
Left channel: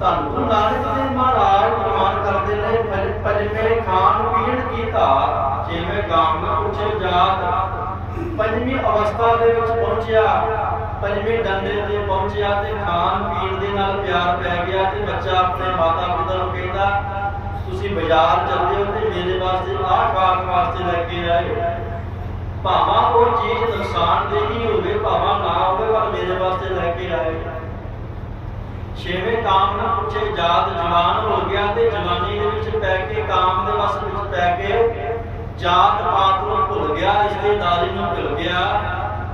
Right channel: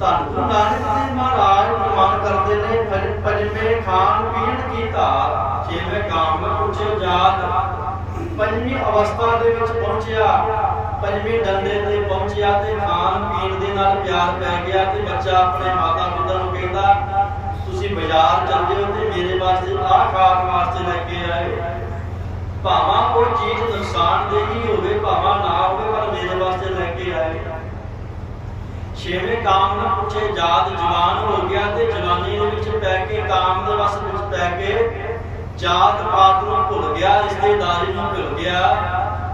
ਧੰਨ ਗੁਰੂ ਨਾਨਕ ਦੇਵ ਮਹਾਰਾਜ ਫਰਮਾਨ ਕਰਦੇ ਨੇ ਪੰਜਵੇਂ ਖਾਣ ਪੀਣ ਕੀ ਧਾਰ ਜਿਵੇਂ ਗਾਮ ਵਿੱਚ ਪੁੱਛੇ ਜਾਤ, ਪੰਜਵੀਂ ਅਵਸਥਾ ਦੇ ਵਿੱਚ ਪਹੁੰਚਿਆ। ਪੰਜਵੇਂ ਡੰਡੇ ਤੇ ਪਹੁੰਚਿਆ ਤੇ ਖਾਣ ਪੀਣ ਦੇ ਨਾਲ ਪਿਆਰ ਪੈ ਗਿਆ ਤੇ ਬੱਚਾ ਆਪਣੇ ਮਾਤਾ ਪਿਤਾ ਨੂੰ ਕਹਿੰਦਾ, ਤੁਸੀਂ ਬਾਜ਼ਾਰ ਚੱਲਦੇ ਹੋ ਤੇ ਮੇਰੇ ਵਾਸਤੇ ਆਹ ਖਾਣ ਵਾਸਤੇ ਲੈ ਕੇ ਆਏ ਭਾਵਾਂ ਉਹ ਚੀਜ਼ ਨੁਕਸਾਨ ਦੇਹੀ ਹੋਵੇ, ਭਾਵਾਂ ਨਾ ਹੋਵੇ, ਪਰ ਮੇਰੇ ਵਾਸਤੇ ਲੈ ਕੇ ਆਏ ਛੇਵੇਂ ਕਾਮ ਨੂੰ ਪੁੱਛੇ, ਜਾਤ ਜਵਾਨ ਹੋ ਗਿਆ ਤੇ ਜਵਾਨੀ ਦੇ ਵਿੱਚ ਪੈ ਕੇ, ਕਾਮ ਦੇ ਵਸ ਵਿੱਚ ਪੈ ਕੇ ਜਾਤ ਪਾਤ ਨੂੰ ਭੁੱਲ ਗਿਆ, ਰਿਸ਼ਤੇਦਾਰੀ ਨੂੰ ਭੁੱਲ ਗਿਆ।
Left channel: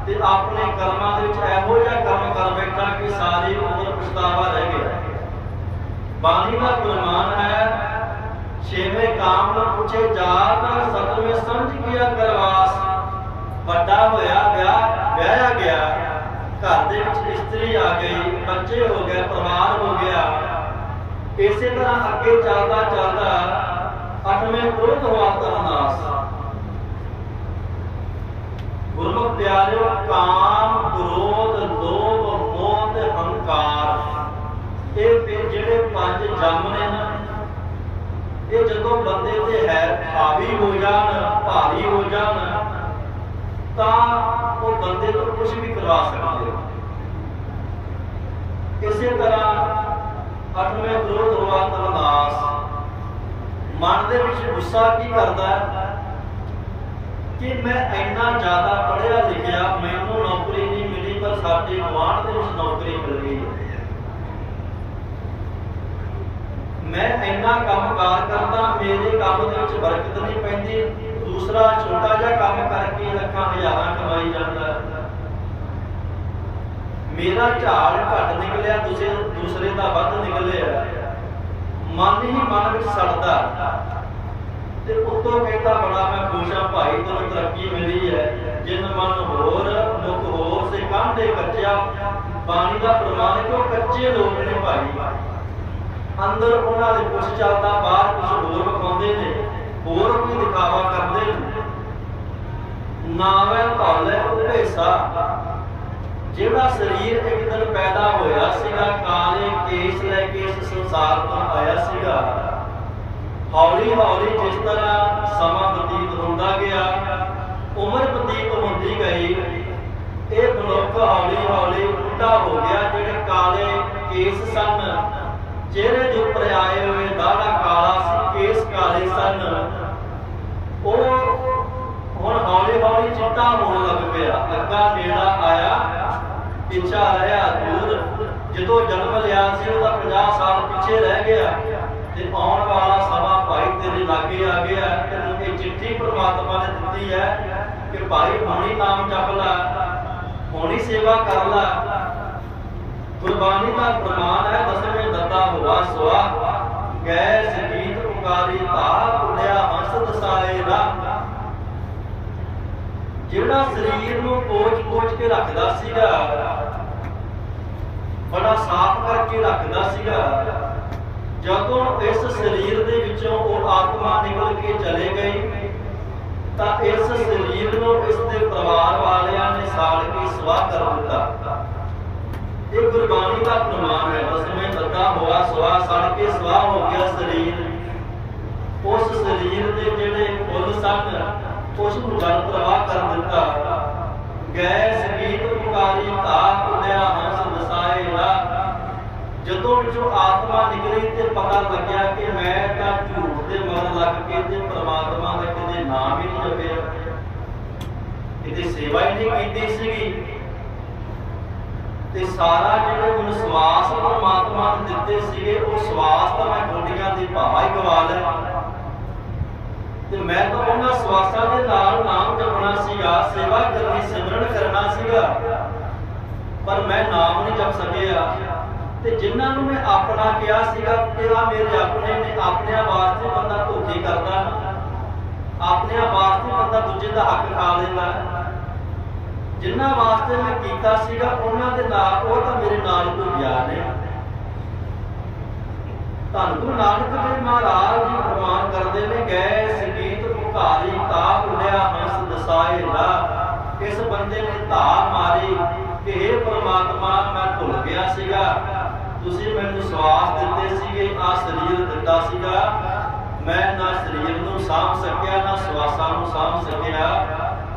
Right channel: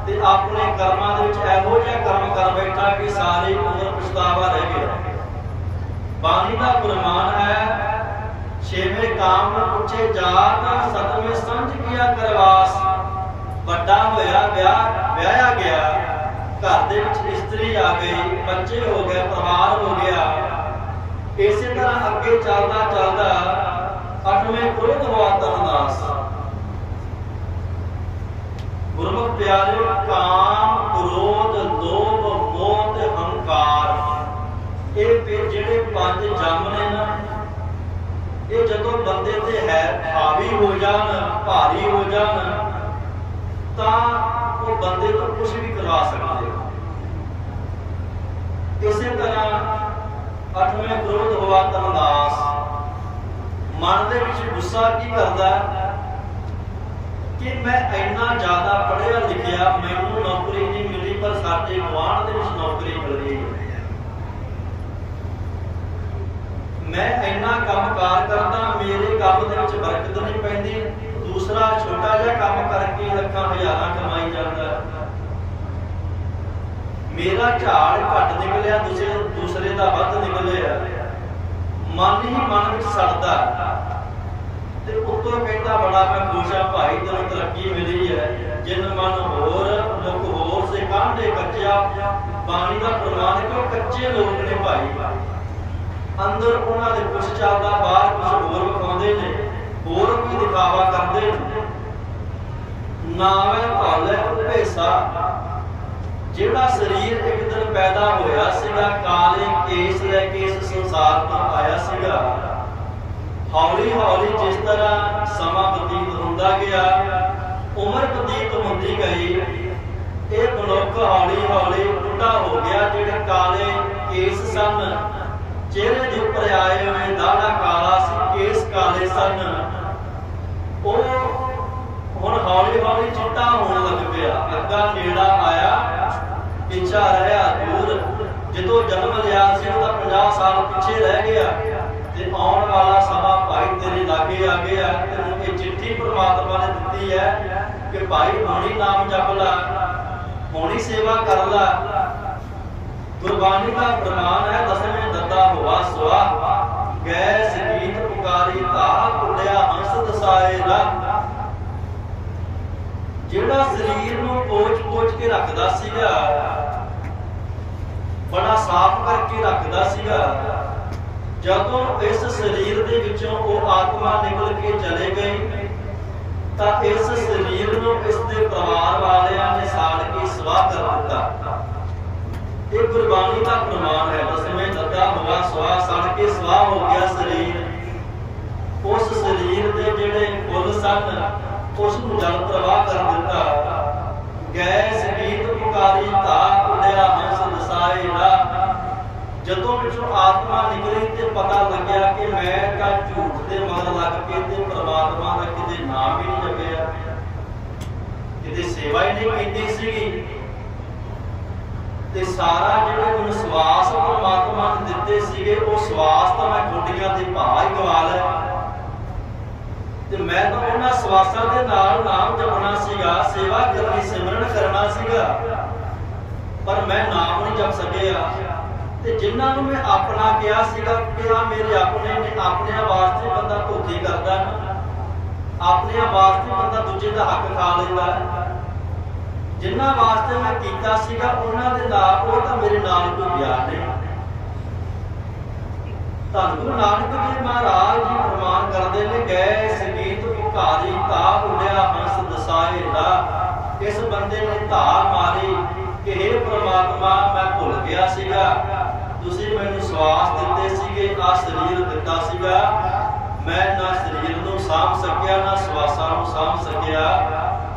ਤੇ ਆਪਣੇ ਕਰਮਾਂ ਦੇ ਵਿੱਚ ਇਹੋ ਜਿਹਾ ਕਰਮ ਕਰ ਬੈਠਾ ਕਿ ਸਾਰੀ ਉਮਰ ਪਛਤਾਵਾ ਰਹਿ ਗਿਆ। ਬਾਣੀ ਦਾ ਫਰਮਾਨ ਹੈ, ਛੇਵੇਂ ਕਾਮ ਨੂੰ ਪੁੱਛੇ ਜਾਤ ਸਤਵੇਂ ਸਮਝ ਗਿਆ ਕਰਵਾਸ। ਵੱਡਾ ਹੋਇਆ ਵਿਆਹ, ਵਿਆਹਿਆ ਗਿਆ, ਘਰ ਦੇ ਵਿੱਚ ਇਸਤਰੀ ਆ ਗਈ, ਬੱਚੇ ਹੋ ਗਏ, ਪਰਿਵਾਰ ਹੋ ਗਿਆ। ਇਸੇ ਤਰ੍ਹਾਂ ਅੱਗੇ ਚੱਲਦਾ ਚੱਲਦਾ ਅਠਵੇਂ ਕ੍ਰੋਧ ਹੋਆ ਤਰਨਾਸ ਗੁਰਮੁਖ ਪਿਆਰਿਓ, ਕਾਮ, ਕ੍ਰੋਧ, ਲੋਭ, ਮੋਹ ਤੇ ਹੰਕਾਰ। ਇਹ ਵੀ ਜਿਹੜੇ ਪੰਜ ਜੰਮ ਨੇ ਨਾ, ਇਹ ਜਦੋਂ ਬੰਦੇ ਤੇ ਹੈ ਹਾਵੀ ਹੋ ਜਾਣ, ਭਾਰੀ ਹੋ ਜਾਣ, ਤਾਂ ਉਹ ਬੰਦੇ ਤੋਂ ਕੁਝ ਵੀ ਕਰਵਾ ਸਕਦੇ ਆ। ਇਸੇ ਤਰ੍ਹਾਂ ਅੱਠਵੇਂ ਕ੍ਰੋਧ ਹੋਆ ਤਨਦਾਸ ਮਨ ਦੇ ਵਿੱਚ ਗੁੱਸਾ ਕੀ ਕਰਦਾ ਹੈ? ਕਿ ਮੈਂ ਇੰਨਾ ਜ਼ਿਆਦਾ ਪੜ੍ਹਿਆ ਲਿਖਿਆ, ਮੈਨੂੰ ਨੌਕਰੀ ਨਹੀਂ ਮਿਲੀ, ਪਰ ਸਾਡੇ ਗਵਾਂਢ ਦੇ ਵਿੱਚ ਨੌਕਰੀ ਮਿਲ ਗਈ। ਮੈਂ ਇੰਨਾ ਕੰਮਕਾਰ ਕਰਦਾ, ਮੇਰੇ ਕੰਮ ਦੇ ਵਿੱਚ ਬਰਕਤ ਨਹੀਂ ਪੈਂਦੀ। ਦੂਸਰਾ ਛੋਟਾ ਜਿਹਾ ਕੰਮ ਕਰਕੇ ਲੱਖਾਂ ਹਜ਼ਾਰਾਂ ਕਮਾਈ ਜਾਂਦਾ। ਮੇਰਾ ਝਾੜ ਘੱਟ ਨਿਕਲਿਆ, ਦੂਸਰੇ ਦੂਸਰੇ ਦਾ ਵੱਧ ਨਿਕਲਿਆ। ਮਨ ਹੀ ਮਨ ਵਿੱਚ ਸੜਦਾ। ਤੇ ਉੱਤੋਂ ਕਹਿੰਦਾ ਬੜਾ ਮੈਂ ਖੁਸ਼ ਆ ਭਾਈ, ਤੈਨੂੰ ਤਰੱਕੀ ਮਿਲੀ ਹੈ ਜਿਨ ਮਨ ਹੋਰ, ਮੁਖ ਹੋਰ ਸੇ ਕਾਂਢੇ ਕੱਚਿਆ। ਬਾਣੀ ਦਾ ਪ੍ਰਮਾਣ ਹੈ ਕੱਚੇ ਲੋਕ ਨੇ ਭਾਈ? ਅੰਦਰ ਉਹਨਾਂ ਦੇ ਕੁਛ ਚੱਲਦਾ, ਬਾਹਰ ਕੁਛ ਹੋਰ ਵਿਖਾਉਂਦੇ ਨੇ। ਹੋਰ ਕੋਈ ਦਿਖਾਵਾ ਕਰਦੇ ਨੇ। ਨਾਵੇਂ ਧੌਲੇ ਭੇਸਾ। ਜਿਹੜਾ ਸਰੀਰ ਇੱਕ ਦਿਨ ਪੈਦਾ ਹੋਇਆ ਸੀਗਾ, ਕਾਲੇ ਕੇਸ ਲੈ ਕੇ ਇਸ ਸੰਸਾਰ ਤੋਂ ਆਇਆ ਸੀਗਾ। ਹੌਲੀ ਹੌਲੀ ਜਿਸ ਤਰ੍ਹਾਂ ਸਮਾਂ ਬਤੀਤ ਹੁੰਦਾ ਗਿਆ, ਉਮਰ ਬਤੀਤ ਹੁੰਦੀ ਗਈ, ਇਹ ਮਨੁੱਖ ਹੌਲੀ ਹੌਲੀ ਬੁੱਢਾ ਹੋ ਗਿਆ, ਜਿਹੜੇ ਕਾਲੇ ਕੇਸ ਸਨ, ਚਿਹਰੇ ਦੇ ਉੱਪਰ ਆਏ ਹੋਏ ਦਾੜਾ ਕਾਲਾ ਸੀ, ਕੇਸ ਕਾਲੇ ਸਨ। ਉਹ ਹੁਣ ਹੌਲੀ ਹੌਲੀ ਚਿੱਟਾ ਹੋਣ ਲੱਗ ਪਿਆ। ਅੱਗਾ ਨੇੜਾ ਆਇਆ, ਪਿੱਛਾ ਰਹਿਆ ਦੂਰ। ਜਦੋਂ ਜਨਮ ਲਿਆ ਸੀ, ਉਹਦਾ 50 ਸਾਲ ਪਿੱਛੇ ਰਹਿ ਗਿਆ। ਤੇ ਆਉਣ ਵਾਲਾ ਸਮਾਂ ਭਾਈ ਤੇਰੇ ਲਾਗੇ ਆ ਗਿਆ ਤੈਨੂੰ ਇਹ ਚਿੱਠੀ ਪ੍ਰਮਾਤਮਾ ਨੇ ਦਿੱਤੀ ਹੈ ਕਿ ਭਾਈ ਹੁਣੀ ਨਾਮ ਜਪ ਲੈ, ਹੁਣੀ ਸੇਵਾ ਕਰ ਲੈ। ਗੁਰਬਾਣੀ ਦਾ ਪ੍ਰਮਾਣ ਹੈ, ਦਸਵੇਂ ਦੱਦਾ ਹੋਆ ਸੁਆ। ਗੈ ਸੰਗੀਤ ਪੁਕਾਰੀ ਧਾ ਕੁੰਡਿਆ ਹੰਸ ਦਸਾਏ ਰਾ। ਜਿਹੜਾ ਸਰੀਰ ਨੂੰ ਪੋਚ-ਪੋਚ ਕੇ ਰੱਖਦਾ ਸੀਗਾ, ਬੜਾ ਸਾਫ਼ ਕਰਕੇ ਰੱਖਦਾ ਸੀਗਾ। ਜਦੋਂ ਇਸ ਸਰੀਰ ਦੇ ਵਿੱਚੋਂ ਉਹ ਆਤਮਾ ਨਿਕਲ ਕੇ ਚਲੇ ਗਈ, ਤਾਂ ਇਸ ਸਰੀਰ ਨੂੰ ਇਸ ਦੇ ਪਰਿਵਾਰ ਵਾਲਿਆਂ ਨੇ ਸਾੜ ਕੇ ਸਵਾਹ ਕਰ ਦਿੱਤਾ। ਇਹ ਗੁਰਬਾਣੀ ਦਾ ਪ੍ਰਮਾਣ ਹੈ। ਦਸਵੇਂ ਦੱਦਾ ਹੋਆ ਸਵਾ ਸੜ ਕੇ ਸਵਾਹ ਹੋ ਗਿਆ ਸਰੀਰ। ਉਸ ਸਰੀਰ ਦੇ ਜਿਹੜੇ ਫੁੱਲ ਸਨ ਉਸ ਨੂੰ ਜਲ ਪ੍ਰਵਾਹ ਕਰ ਦਿੱਤਾ। ਗੈਸ, ਗੀਤ ਪੁਕਾਰੀ ਧਾ ਉਡਿਆ ਹੰਸ, ਦਸਾਏ ਨਾ ਜਦੋਂ ਵਿੱਚੋਂ ਆਤਮਾ ਨਿਕਲੀ ਤੇ ਪਤਾ ਲੱਗਿਆ ਕਿ ਮੈਂ ਤਾਂ ਝੂਠ ਦੇ ਮਗਰ ਲੱਗ ਕੇ ਤੇ ਪ੍ਰਮਾਤਮਾ ਦਾ ਕਿਤੇ ਨਾਮ ਹੀ ਨਹੀਂ ਜਪਿਆ। ਕਿਤੇ ਸੇਵਾ ਹੀ ਨਹੀਂ ਕੀਤੀ ਸੀਗੀ। ਤੇ ਸਾਰਾ ਜਿਹੜੇ ਮੈਨੂੰ ਸਵਾਸ ਪਰਮਾਤਮਾ ਨੇ ਦਿੱਤੇ ਸੀਗੇ, ਉਹ ਸਵਾਸ ਤਾਂ ਮੈਂ ਗੋਡੀਆਂ ਦੇ ਭਾ ਹੀ ਗਵਾ ਲਿਆ। ਤੇ ਮੈਂ ਤਾਂ ਉਹਨਾਂ ਸਵਾਸਾਂ ਦੇ ਨਾਲ ਨਾਮ ਜਪਣਾ ਸੀਗਾ, ਸੇਵਾ ਕਰਨੀ, ਸਿਮਰਨ ਕਰਨਾ ਸੀਗਾ। ਪਰ ਮੈਂ ਨਾਮ ਨਹੀਂ ਜਪ ਸਕਿਆ। ਤੇ ਜਿਨ੍ਹਾਂ ਨੂੰ ਮੈਂ ਆਪਣਾ ਕਿਹਾ ਸੀਗਾ ਕਿ ਮੇਰੇ ਆਪਣੇ ਨੇ, ਆਪਣੇ ਵਾਸਤੇ ਬੰਦਾ ਧੋਖੇ ਕਰਦਾ ਨਾ ਆਪਣੇ ਵਾਸਤੇ ਬੰਦਾ ਦੂਜੇ ਦਾ ਹੱਕ ਖਾ ਲੈਂਦਾ ਜਿਨ੍ਹਾਂ ਵਾਸਤੇ ਮੈਂ ਕੀਤਾ ਸੀਗਾ, ਉਹਨਾਂ ਦੇ ਨਾਲ ਉਹ ਤਾਂ ਮੇਰੇ ਨਾਲ ਕੋਈ ਗਿਆ ਨਹੀਂ ਧੰਨ ਗੁਰੂ ਨਾਨਕ ਦੇਵ ਮਹਾਰਾਜ ਜੀ ਪ੍ਰਮਾਣ ਕਰਦੇ ਨੇ, ਗਏ ਸੰਗੀਤ ਭੁਖਾਰੀ ਤਾ ਉਡਿਆ ਹੰਸ ਦਸਾਏ ਰਾ ਇਸ ਬੰਦੇ ਨੇ ਧਾ ਮਾਰੀ ਕਿ हे ਪ੍ਰਮਾਤਮਾ, ਮੈਂ ਭੁੱਲ ਗਿਆ ਸੀਗਾ। ਤੁਸੀਂ ਮੈਨੂੰ ਸਵਾਸ ਦਿੱਤੇ ਸੀਗੇ ਆ ਸਰੀਰ ਦਿੱਤਾ ਸੀਗਾ। ਮੈਂ ਨਾ ਸਰੀਰ ਨੂੰ ਸਾਂਭ ਸਕਿਆ, ਨਾ ਸਵਾਸਾਂ ਨੂੰ ਸਾਂਭ ਸਕਿਆ।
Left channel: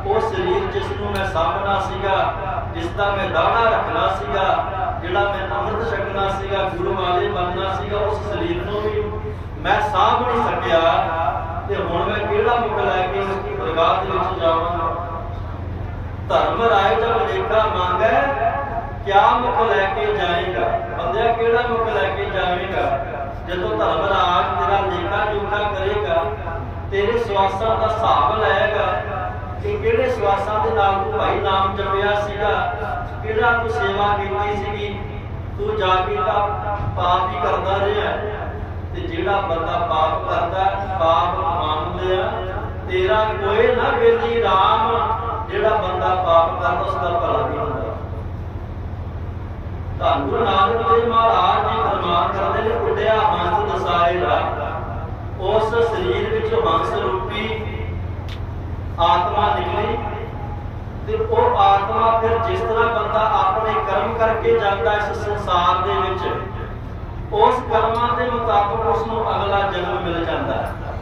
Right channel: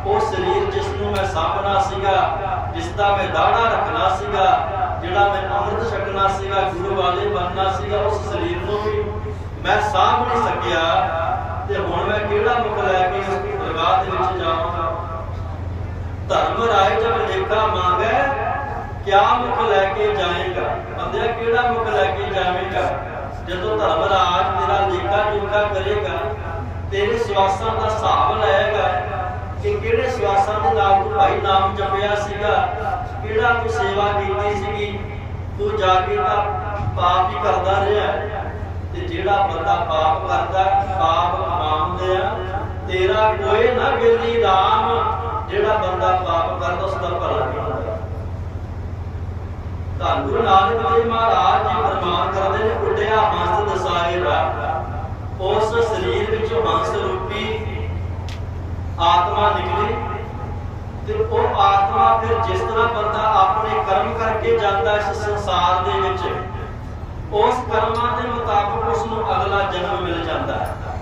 ਉਹ ਸਰੀਰ ਜਿਸ ਨੂੰ ਮੈਂ ਸਾਂਭਣਾ ਸੀਗਾ ਜਿਸ ਦਾ ਮੈਂ ਦਾੜਾ ਰੱਖਣਾ ਸੀਗਾ, ਜਿਹੜਾ ਮੈਂ ਅੰਮ੍ਰਿਤ ਛਕਣਾ ਸੀਗਾ, ਗੁਰੂ ਵਾਲੇ ਬਣਨਾ ਸੀਗਾ, ਉਸ ਸਰੀਰ ਨੂੰ ਵੀ ਮੈਂ ਸਾਂਭ ਨਹੀਂ ਸਕਿਆ। ਤੇ ਹੁਣ ਮੈਂ ਕਿਹੜਾ ਮੁਖ ਲੈ ਕੇ ਉਸ ਦੀ ਦਰਗਾਹ ਦੇ ਵਿੱਚ ਜਾਵਾਂਗਾ ਧਰਮ ਰਾਏ ਜਬ ਲੇਖਾ ਮੰਗੈ ਕਿਆ ਮੁਖ ਲੈ ਕੇ ਜਾਏਗਾ? ਬੰਦਿਆ ਕਿਹੜਾ ਮੁਖ ਲੈ ਕੇ ਜਾਵੇਗਾ? ਜਦੋਂ ਧਰਮ ਰਾਜ ਤੇਰਾ ਲੇਖਾ ਜੋਖਾ ਕਰੇਗਾ, ਤੇਰੇ ਸਵਾਸਾਂ ਦਾ ਹਿਸਾਬ ਲਏਗਾ ਕਿ ਕਿਹੜੇ ਸਵਾਸਾਂ ਦੇ ਨਾਲ ਤੂੰ ਭਾਈ ਨਾਮ ਜਪਿਆ ਸੀਗਾ? ਕਿਹੜਾ ਤੂੰ ਸੇਵਾ ਕੀਤੀ ਸੀਗੀ? ਤੂੰ ਜਾ ਕੇ ਤਾਂ ਪਾਪ ਹੀ ਕਰਦਾ ਰਿਹਾ ਤੇ ਜਿਹੜਾ ਬੰਦਾ ਪਾਪ ਕਰਦਾ ਪਾਪ ਕਮਾਉਂਦੇ ਤੇਰਾ ਕੋਈ ਨਾ ਵੇਲੀ RAM ਜਿਹੜਾ ਬੰਦਾ ਪਾਪ ਕਰਦਾ ਉਸ ਦਾ ਭਲਾ ਨਹੀਂ ਹੁੰਦਾ। ਧੰਨ ਗੁਰੂ ਨਾਨਕ ਦੇਵ ਮਹਾਰਾਜ ਜੀ ਫਰਮਾਨ ਕਰਦੇ ਨੇ, ਉੱਡਿਆ ਹੰਸ ਦਸਾਏ ਉਸ ਸਰੀਰ ਵਿੱਚੋਂ ਹੰਸ ਰੂਪੀ ਆਤਮਾ ਨਿਕਲੀ ਤੇ ਉਹ ਆਤਮਾ ਫਿਰ ਜਿਸ ਤਰ੍ਹਾਂ ਬੰਦਾ ਆਪਣੇ ਕਰਮ ਕਰਕੇ ਜਾਂਦਾ ਇਸ ਸੰਸਾਰ ਦੇ ਵਿੱਚ, ਉਸ ਕਰਮਾਂ ਦੇ ਮੁਤਾਬਕ ਉਸ ਨੂੰ ਅਗਲਾ ਜਨਮ ਮਿਲ ਜਾਂਦਾ ਹੈ।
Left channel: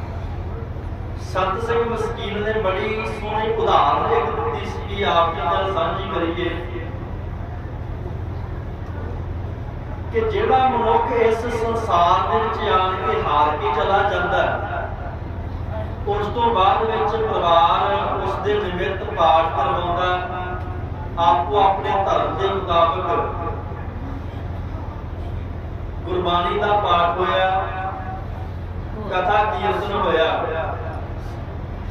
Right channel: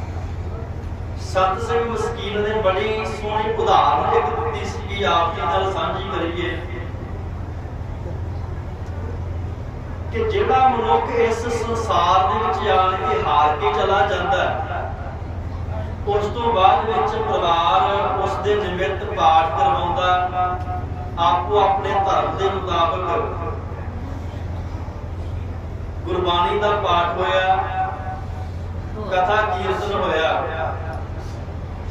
ਸਤ ਸਿੰਘ ਮਸਕੀਨ ਨੇ ਬੜੀ ਸੋਹਣੀ ਉਦਾਹਰਨ ਇੱਕ ਦਿੱਤੀ ਸੀ ਆਪ ਜੀ ਨਾਲ ਸਾਂਝੀ ਕਰੀਏ। ਕਿ ਜਿਹੜਾ ਮਨੁੱਖ ਇਸ ਸੰਸਾਰ ਦੇ ਵਿੱਚ ਆਣ ਕੇ ਹਾਰ ਕੇ ਚਲਾ ਜਾਂਦਾ ਉਸ ਤੋਂ ਬਾਅਦ ਵਿੱਚ ਪਰਿਵਾਰ ਉਸ ਦੇ ਨਿਮਿਤ ਪਾਠ ਕਰਵਾਉਂਦਾ, ਆਪੋ ਆਪਣੇ ਧਰਮ ਦੇ ਮੁਤਾਬਕ ਗੁਰਬਾਣੀ ਦਾ ਪਾਠ ਹੋਇਆ, ਕਥਾ ਕੀਰਤਨ ਹੋਇਆ।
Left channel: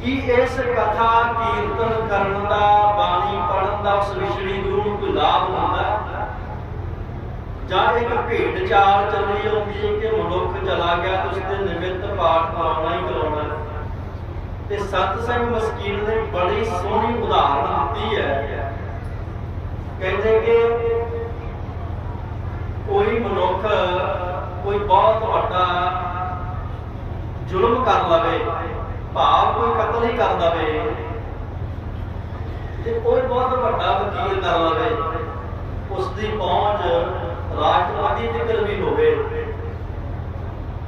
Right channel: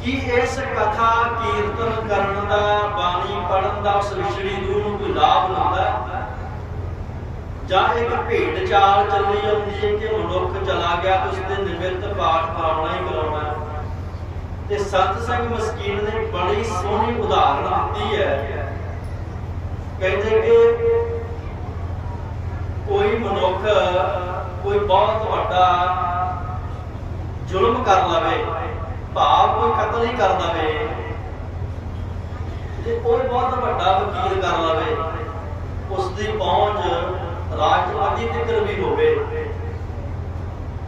ਕੀ ਇਸ ਕਥਾ ਕੀਰਤਨ ਕਰਨ ਦਾ, ਬਾਣੀ ਪੜਨ ਦਾ, ਉਸ ਵਿਛੜੀ ਨੂੰ ਕੋਈ ਲਾਭ ਹੁੰਦਾ ਜਾਂ ਇੱਕ ਭੇਡ ਚਾਲ ਚੱਲੀ ਜਾਂਦੀ ਹੈ ਕਿ ਮਨੁੱਖ ਚਲਾ ਗਿਆ ਉਸ ਦੇ ਨਿਮਿਤ ਪਾਠ ਕਰਾਉਣਾ ਹੀ ਕਰਾਉਣਾ ਤੇ ਸਤ ਸੰਗ ਮਸਕੀਨ ਨੇ ਬੜੀ ਸੋਹਣੀ ਉਦਾਹਰਨ ਦਿੱਤੀ ਹੈ। ਕਹਿੰਦੇ ਕਿ ਕੋਈ ਮਨੁੱਖ, ਕੋਈ ਬਹੁਤ ਵੱਡਾ ਜ਼ੁਲਮ ਕਰ ਲਵੇ, ਭਾਵ ਕੋਈ ਕਤਲ ਹੀ ਕਰ ਦਵੇ, ਤੇ ਉਹ ਬਹੁਤ ਵੱਡਾ ਵਕੀਲ ਕਰ ਲਵੇ ਉਸ ਦੀ ਪਹੁੰਚ ਰਾਜਪਾਤੀ ਤੱਕ ਵੀ ਹੋਵੇ।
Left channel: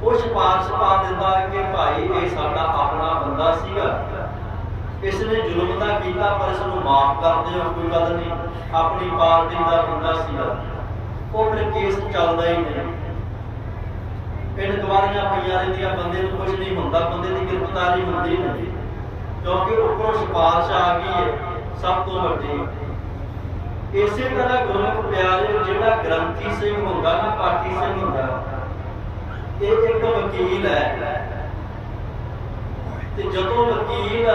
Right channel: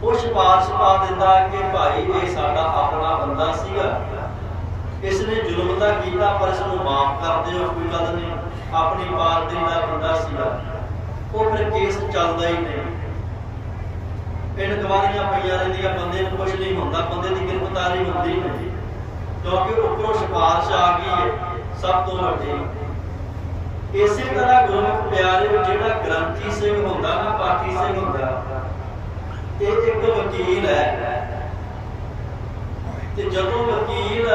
ਉਹ ਸਿਫਾਰਿਸ਼ ਪਾ ਦਿੰਦਾ ਕਿ ਭਾਈ ਇਹ ਸਾਡਾ ਆਪਣਾ ਬੰਦਾ ਸੀਗਾ। ਇਸ ਨੇ ਜ਼ੁਲਮ ਤਾਂ ਕੀਤਾ, ਪਰ ਇਸ ਨੂੰ ਮਾਫ ਕਰ ਦਿਓ, ਕੋਈ ਗੱਲ ਨਹੀਂ। ਆਪਣੀ ਪਾਰਟੀ ਦਾ ਬੰਦਾ ਸੀਗਾ। ਉਹ ਫਿਰ ਕੇਸ ਚੱਲਦਾ ਹੀ ਨਹੀਂ। ਪਿੰਡ ਪਈਆਂ ਰਹਿੰਦੀਆਂ, ਬੰਦੇ ਨੂੰ ਕੁਝ ਨਹੀਂ ਹੁੰਦਾ, ਬੰਦੇ ਦੀ ਗ੍ਰਿਫਤਾਰੀ ਹੁੰਦੀ ਨਹੀਂ। ਕਿਉਂਕਿ ਉੱਪਰੋਂ ਸਿਫਾਰਿਸ਼ ਆ ਗਈ ਹੈ, ਸਭ ਤੋਂ ਵੱਡੀ। ਇਸੇ ਤਰ੍ਹਾਂ ਗੁਰਮੁਖ ਪਿਆਰੇ ਜਿਹੜਾ ਗ੍ਰੰਥੀ ਸਿੰਘ ਹੁੰਦਾ ਨਾ, ਪਾਠੀ ਸਿੰਘ ਹੁੰਦਾ, ਇਹ ਇੱਕ ਵਕੀਲ ਹੈ। ਤੇ ਜਦੋਂ ਵਕੀਲ